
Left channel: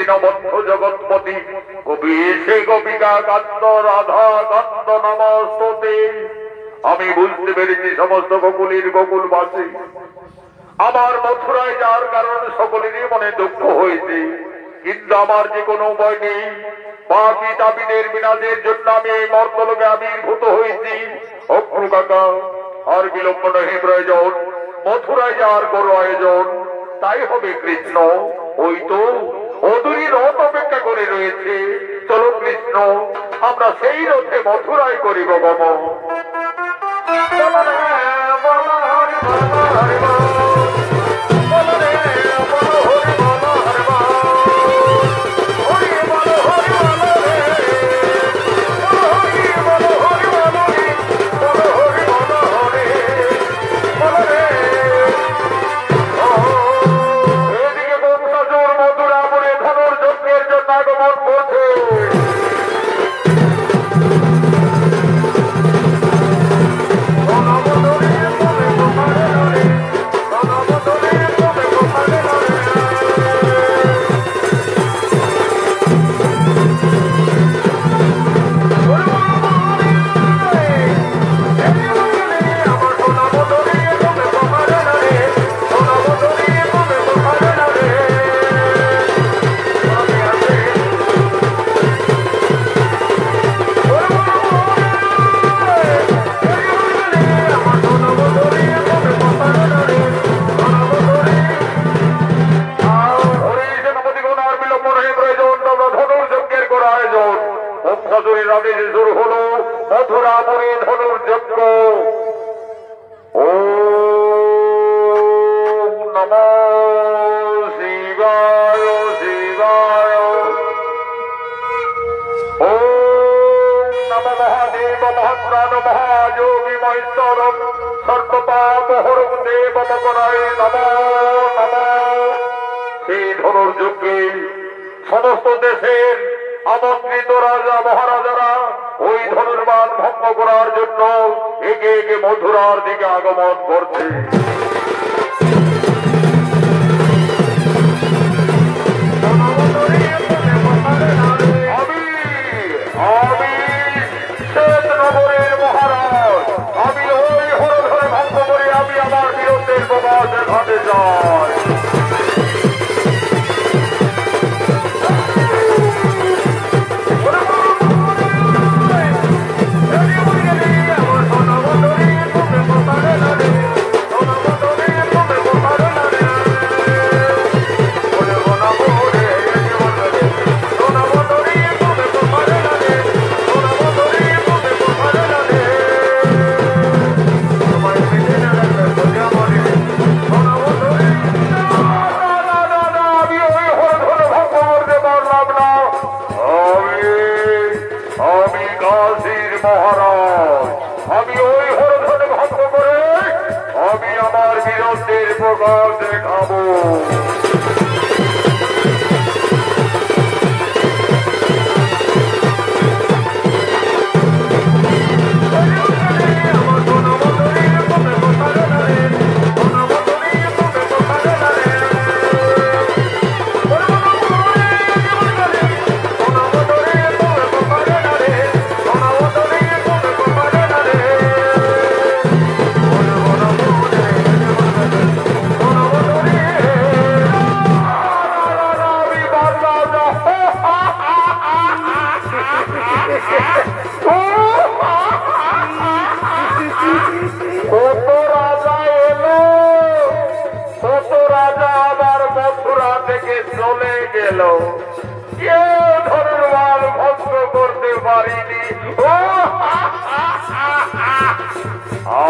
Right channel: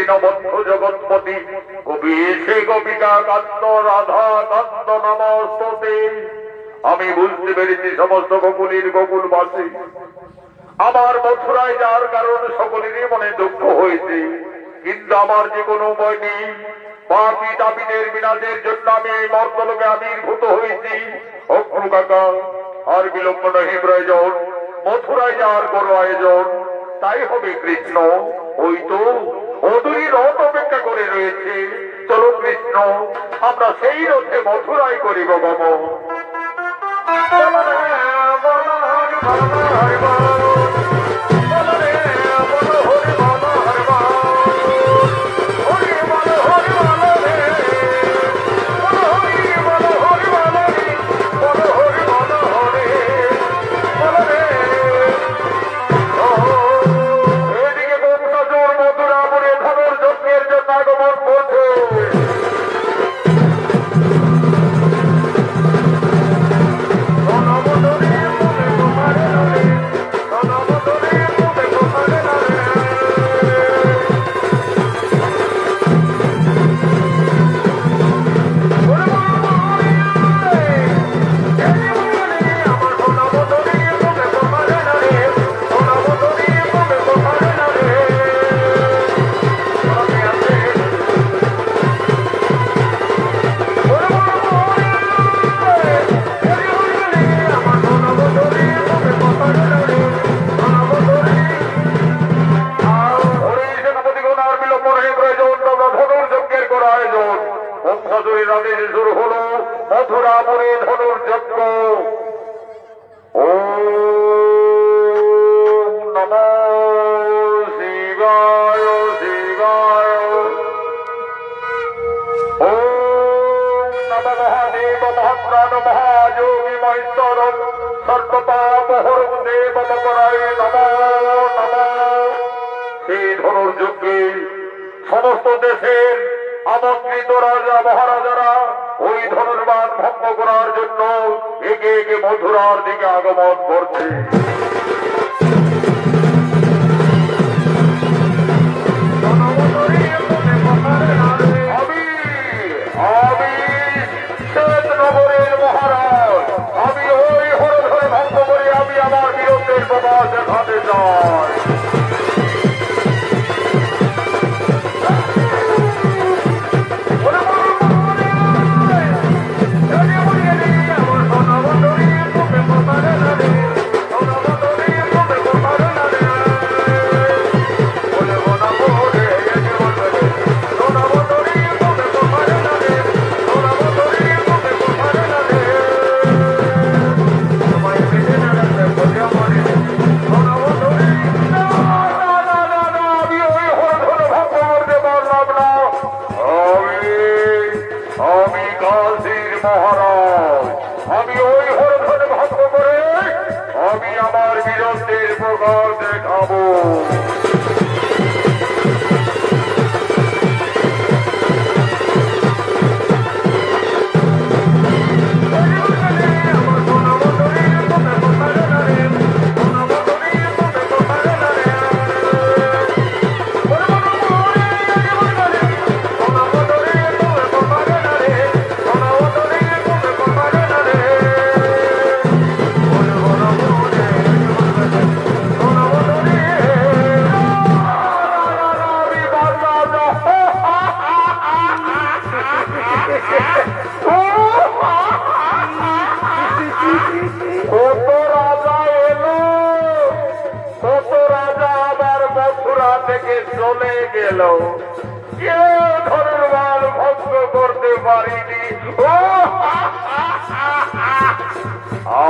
দীনবন্ধু জগৎপতি কবি সে গোপিকা কান্দ রাধা কান্দ নমস্তে। আমি বুঝতে পেরেছি সমস্ত গোকুলীর গোকুলবাসী আমার মথুরায় যাওয়ার কারণ সকলেরই মনে দুঃখ হয়েছে, কিন্তু আমার যে কোনো উপায় নেই। বাকি তাপিদের বিনাশের জন্য আমি এই মর্তলোকে আবির্ভূত হয়েছি। অগ্রু কাকা আর বিলম্ব নহে প্রয়োজন, মথুরায় যাওয়ার কোনো আয়োজন তাই হবে কৃষ্ণ। ওই তো অদূরী রথ অপেক্ষা করে রয়েছে, চলো কৃষ্ণ আমরা সেই রথে মথুরায় করিব গমন। মথুরাপুরে ধনুর্যজ্ঞ। ওম নমো শিবায় শিবায়। ওম নমো মহাদেব মহাপ্রাণ মহাযোগী মহেশ্বর সর্বপাপহরং দেব মকরায় নমো নমো। সেই ধনুর্যজ্ঞে সমস্ত দেশের আমন্ত্রিত রাজা মহারাজারা ওই ধনুর্বাণ ভঙ্গ করার জন্য একে একে মথুরার দিকে আগমন করছে। আমি শ্বেতনগরের মহারাজ, আমি ওই হরধরে ভঙ্গ করে আমি আমার বীরত্বের প্রকাশ দেখাতে চাই।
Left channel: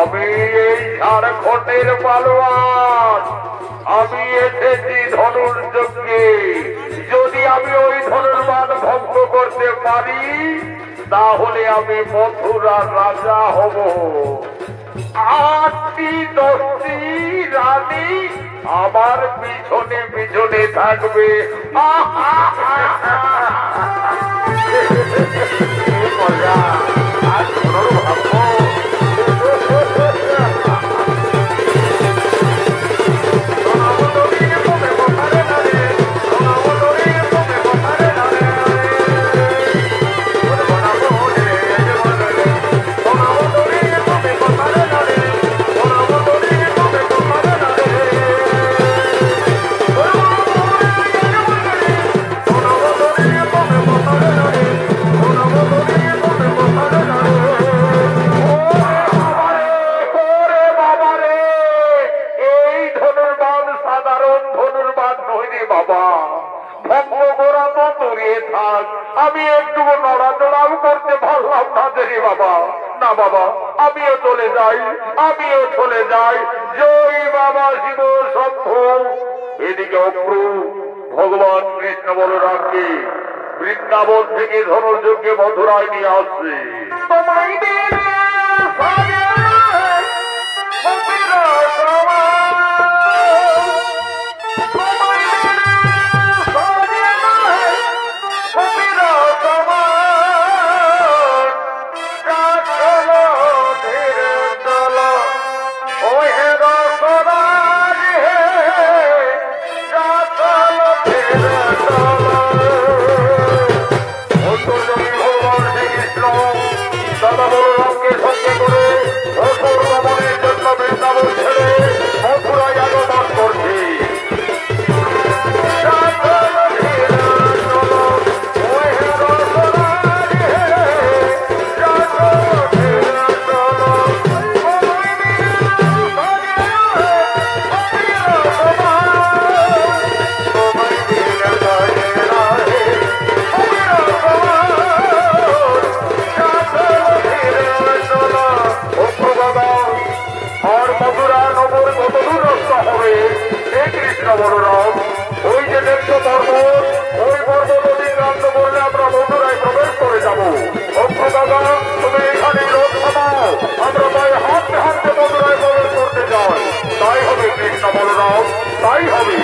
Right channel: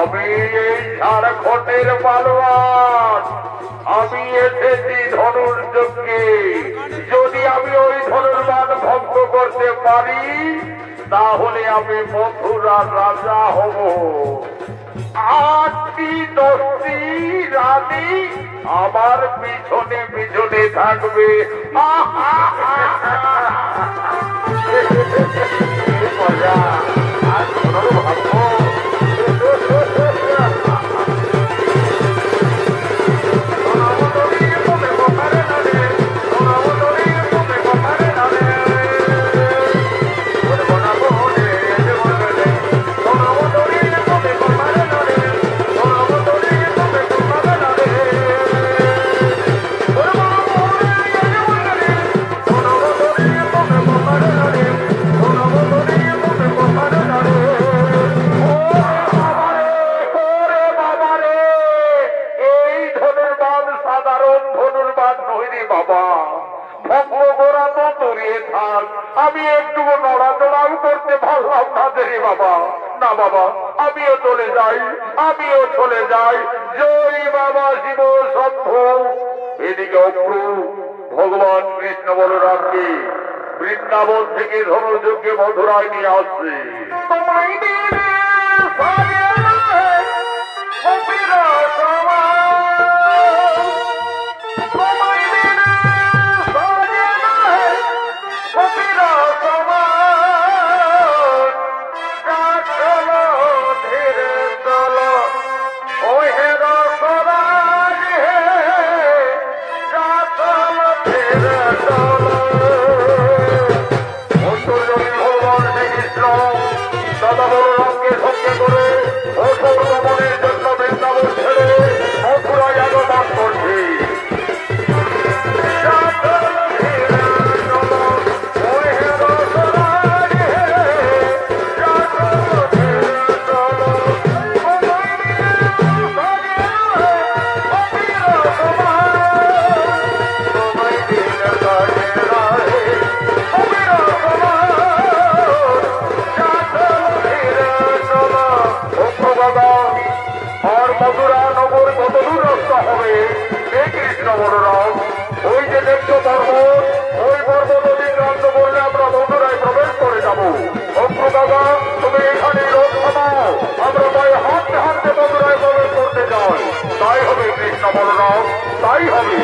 আমি এই ঝাড়খণ্ডের পালোয়ান, আমি এসেছি ধনুর্যজ্ঞে। যদি আমি ওই ধনুর্বাণ ভঙ্গ করতে পারি তাহলে আমি মথুরার রাজা হব। 8টি 10টি রানী আমার পিছনে পিছনে থাকবে। মজা আর কোনো ভাববো। আমি একটু নড়াচড়াও করতে পারলাম না রে বাবা। না বাবা, আমিও চলে যাই, আমিও চলে যাই। জয় বাবা শিব শম্ভ। এদিকে অপ্রু ভগবান কৃষ্ণ বলরামকে বৃন্দাবন থেকে ধনুর্যজ্ঞে মথুরায় নিয়ে আসছে। তোমায় দিলে দাদা বলরামকে সঙ্গে করে অসুর দমনের জন্য বৃন্দাবন ছেড়ে মথুরায় আগমন করছে। আর মথুরা নগর কত দূর রাস্তা হবে হে কৃষ্ণ বলরাম? ওই যে দেখছো পর্বত, ওই পর্বত অতিক্রান্ত করলে আমরা মথুরায় প্রবেশ করে যাবো। অপ্রু দাদা, তুমি এখানে রোদ থামাও, আমরা তাই হাঁটতে হাঁটতে মথুরায় প্রবেশ করতে যাই। তাই হবে কৃষ্ণ বলরাম, তাই হবে।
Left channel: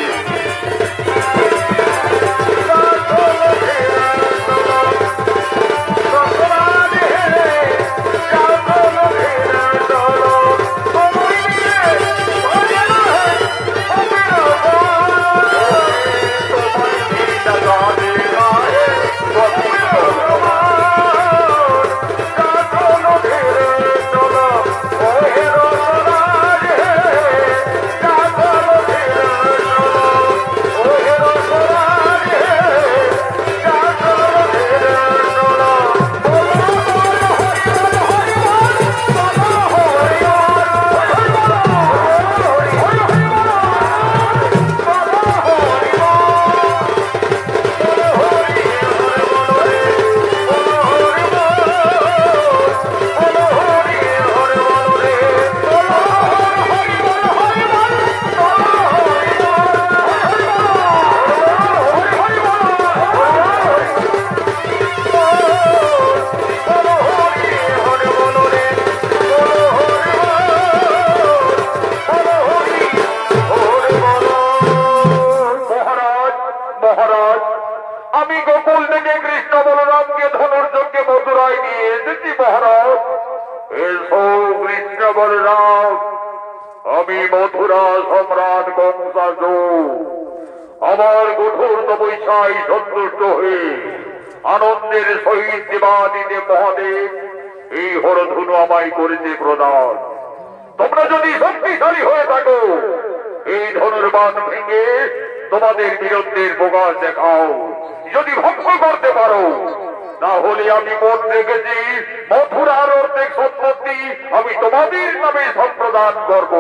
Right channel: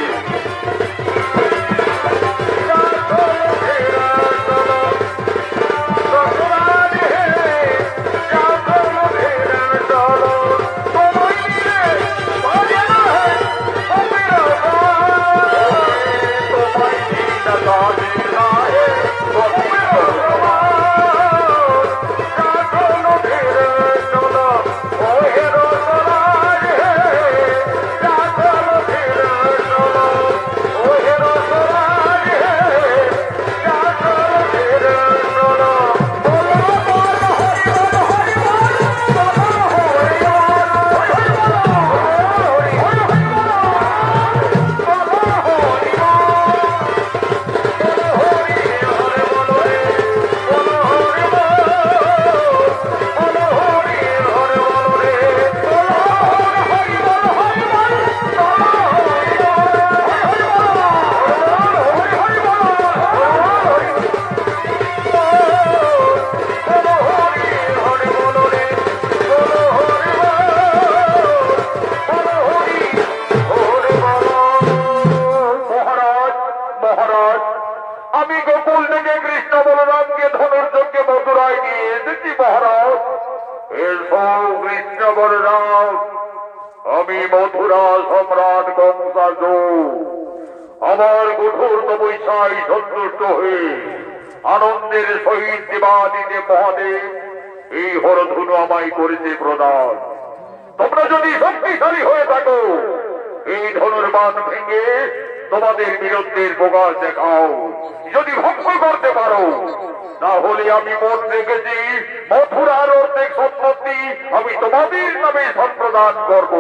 আমি গোকুল থেকে কৃষ্ণ বলরামকে ধনুর্যজ্ঞে মথুরায় নিয়ে এসেছি মহারাজ। এসো কৃষ্ণ বলরাম, আমি মথুরা সম্রাট কংসাসুর আমার কঠোর তপস্যায় সন্তুষ্ট হয়ে আনন্দের সহিত দেবাদিদেব মহাদেব এই হরধনু আমায় করেছে প্রদান। তোমরা যদি শক্তিশালী হয়ে থাকো এই ধনুর্বাণ ভেঙে তোমাদের বীরত্বের প্রকাশ দেখাও। যদি ভক্ত করতে পারো, না হলে আমি মত রেখেছি মথুরার অর্ধেক সম্পত্তি আমি তোমাদের নামে সম্প্রদান করব।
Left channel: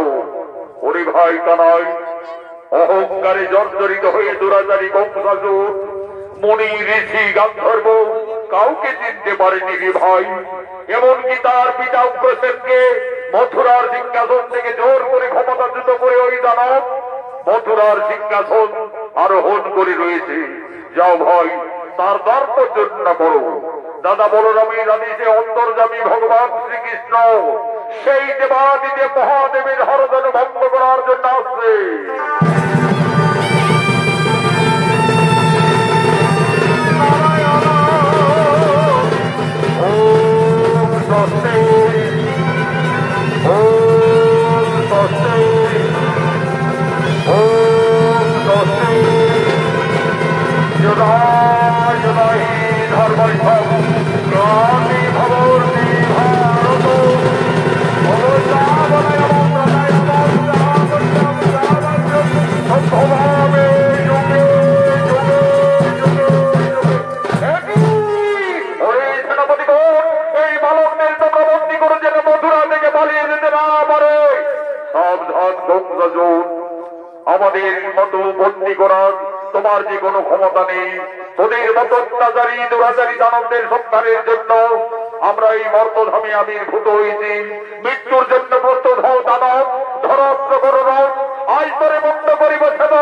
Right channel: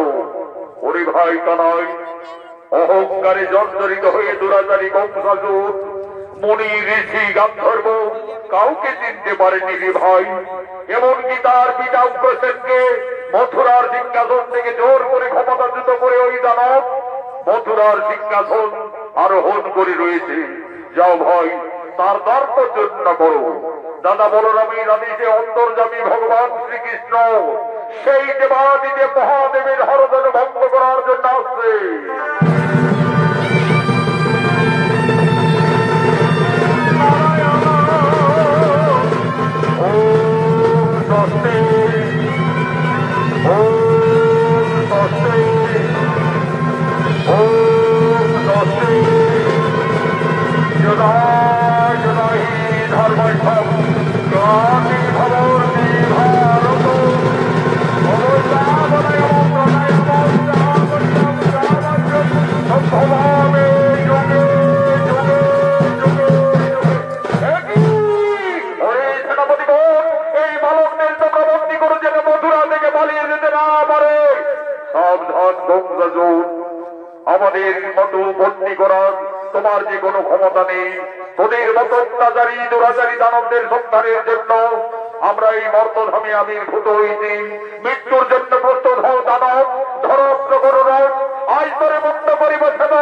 ওরে ভাই কানাই, অহংকারে জর্জরিত হয়ে দুরাচারী কংসাসুর মুনি ঋষি গান্ধর্ব কাউকে চিনতে পারেনি রে ভাই। এমনকি তার পিতা উগ্রসেনকে মথুরার সিংহাসন থেকে জোর করে ক্ষমতাচ্যুত করে ওই দানব মথুরার সিংহাসন আরোহণ করে রয়েছে। যাও ভাই, তার দর্পচর্যা করো। দাদা বলরামের আদেশে অন্তর্যামী ভগবান শ্রীকৃষ্ণ সেই দেবাদিদেব মহাদেবের হরধন ভঙ্গ করার জন্য আসছে। আমাদের মতো বন্দী করার তোমার যে কোনো ক্ষমতা নেই। তোদের মতো অত্যাচারী দুরাচারী দানবদের সন্ধানের জন্য আমরা এই মর্তধামে আবির্ভূত হয়েছি। মৃত্যুর জন্য প্রস্তুত হও দানব, ধরত্র করো রথ, আজ করে বন্ধ করিবে ছেদ।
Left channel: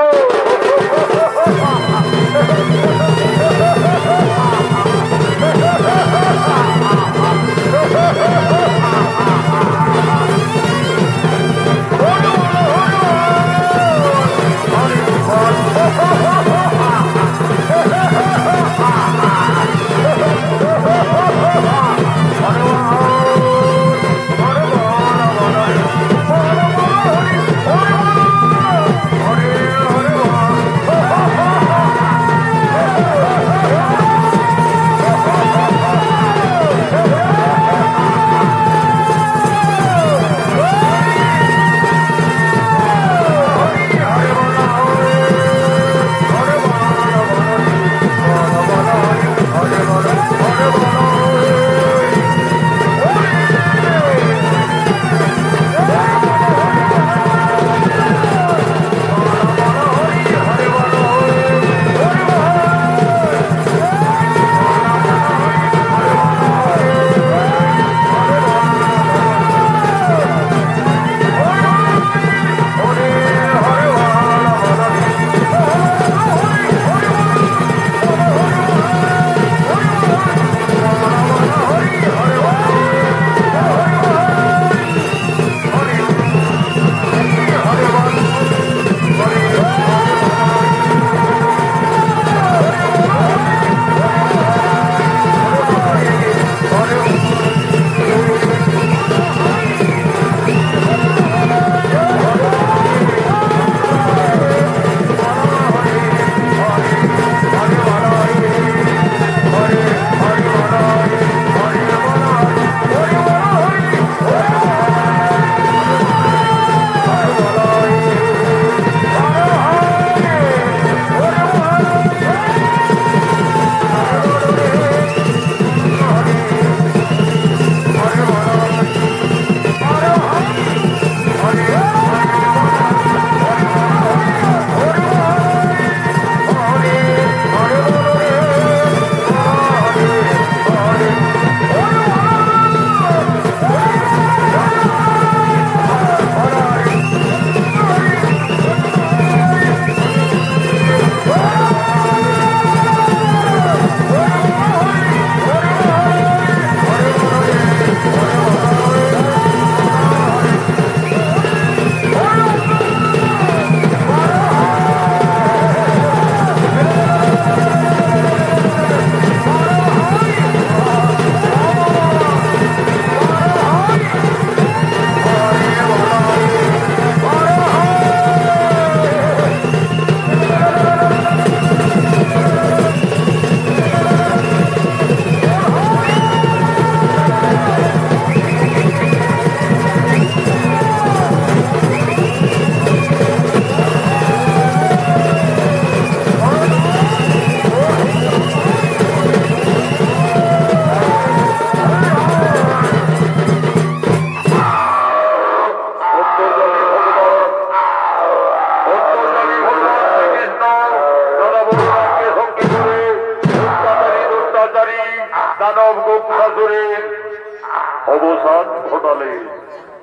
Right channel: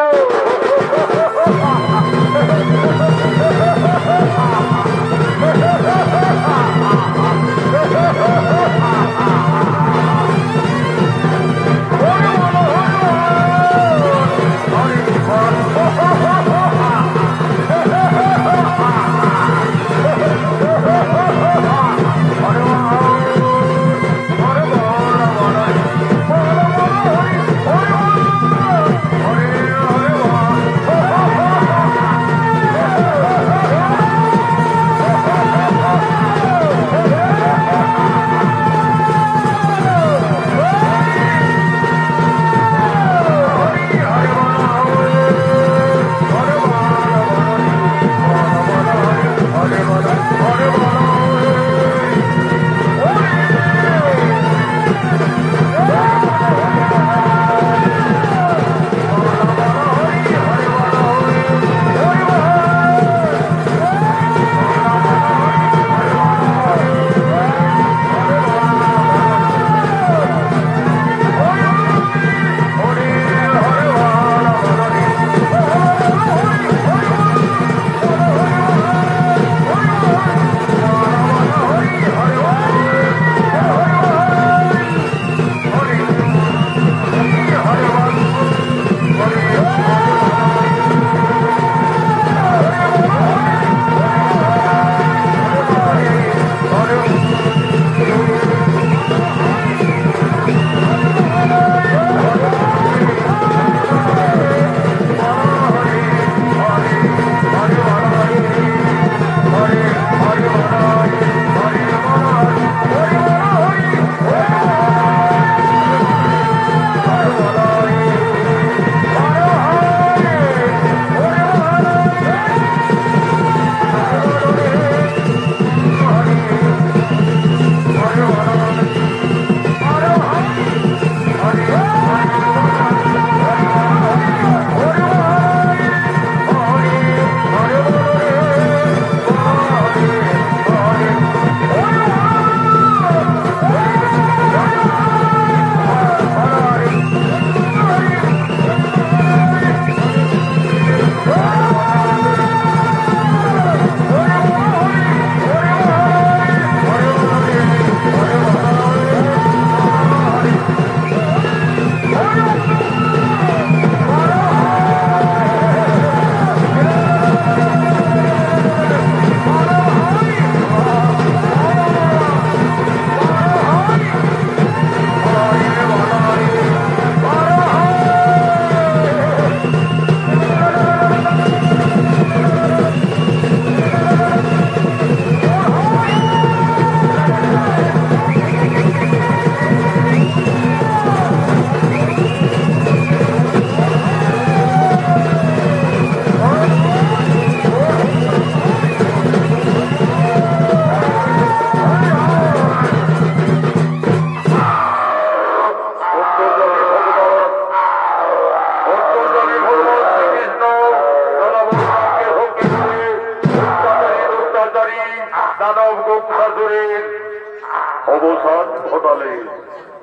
অবসান ঘটালে।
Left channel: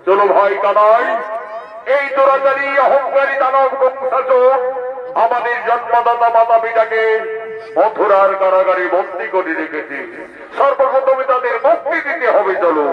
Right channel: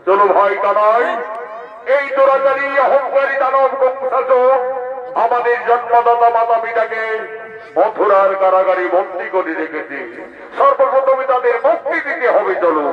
চলো ভাই কানাই, এই দুরাচারী অহংকারী দানব কংসাচর আমাদের জন্মদাতা মাতা পিতাকে মথুরার কারাগারে বন্দী করে রেখেছে। সর্বপ্রথমে তাদের মুক্তি দিতে হবে। চলো।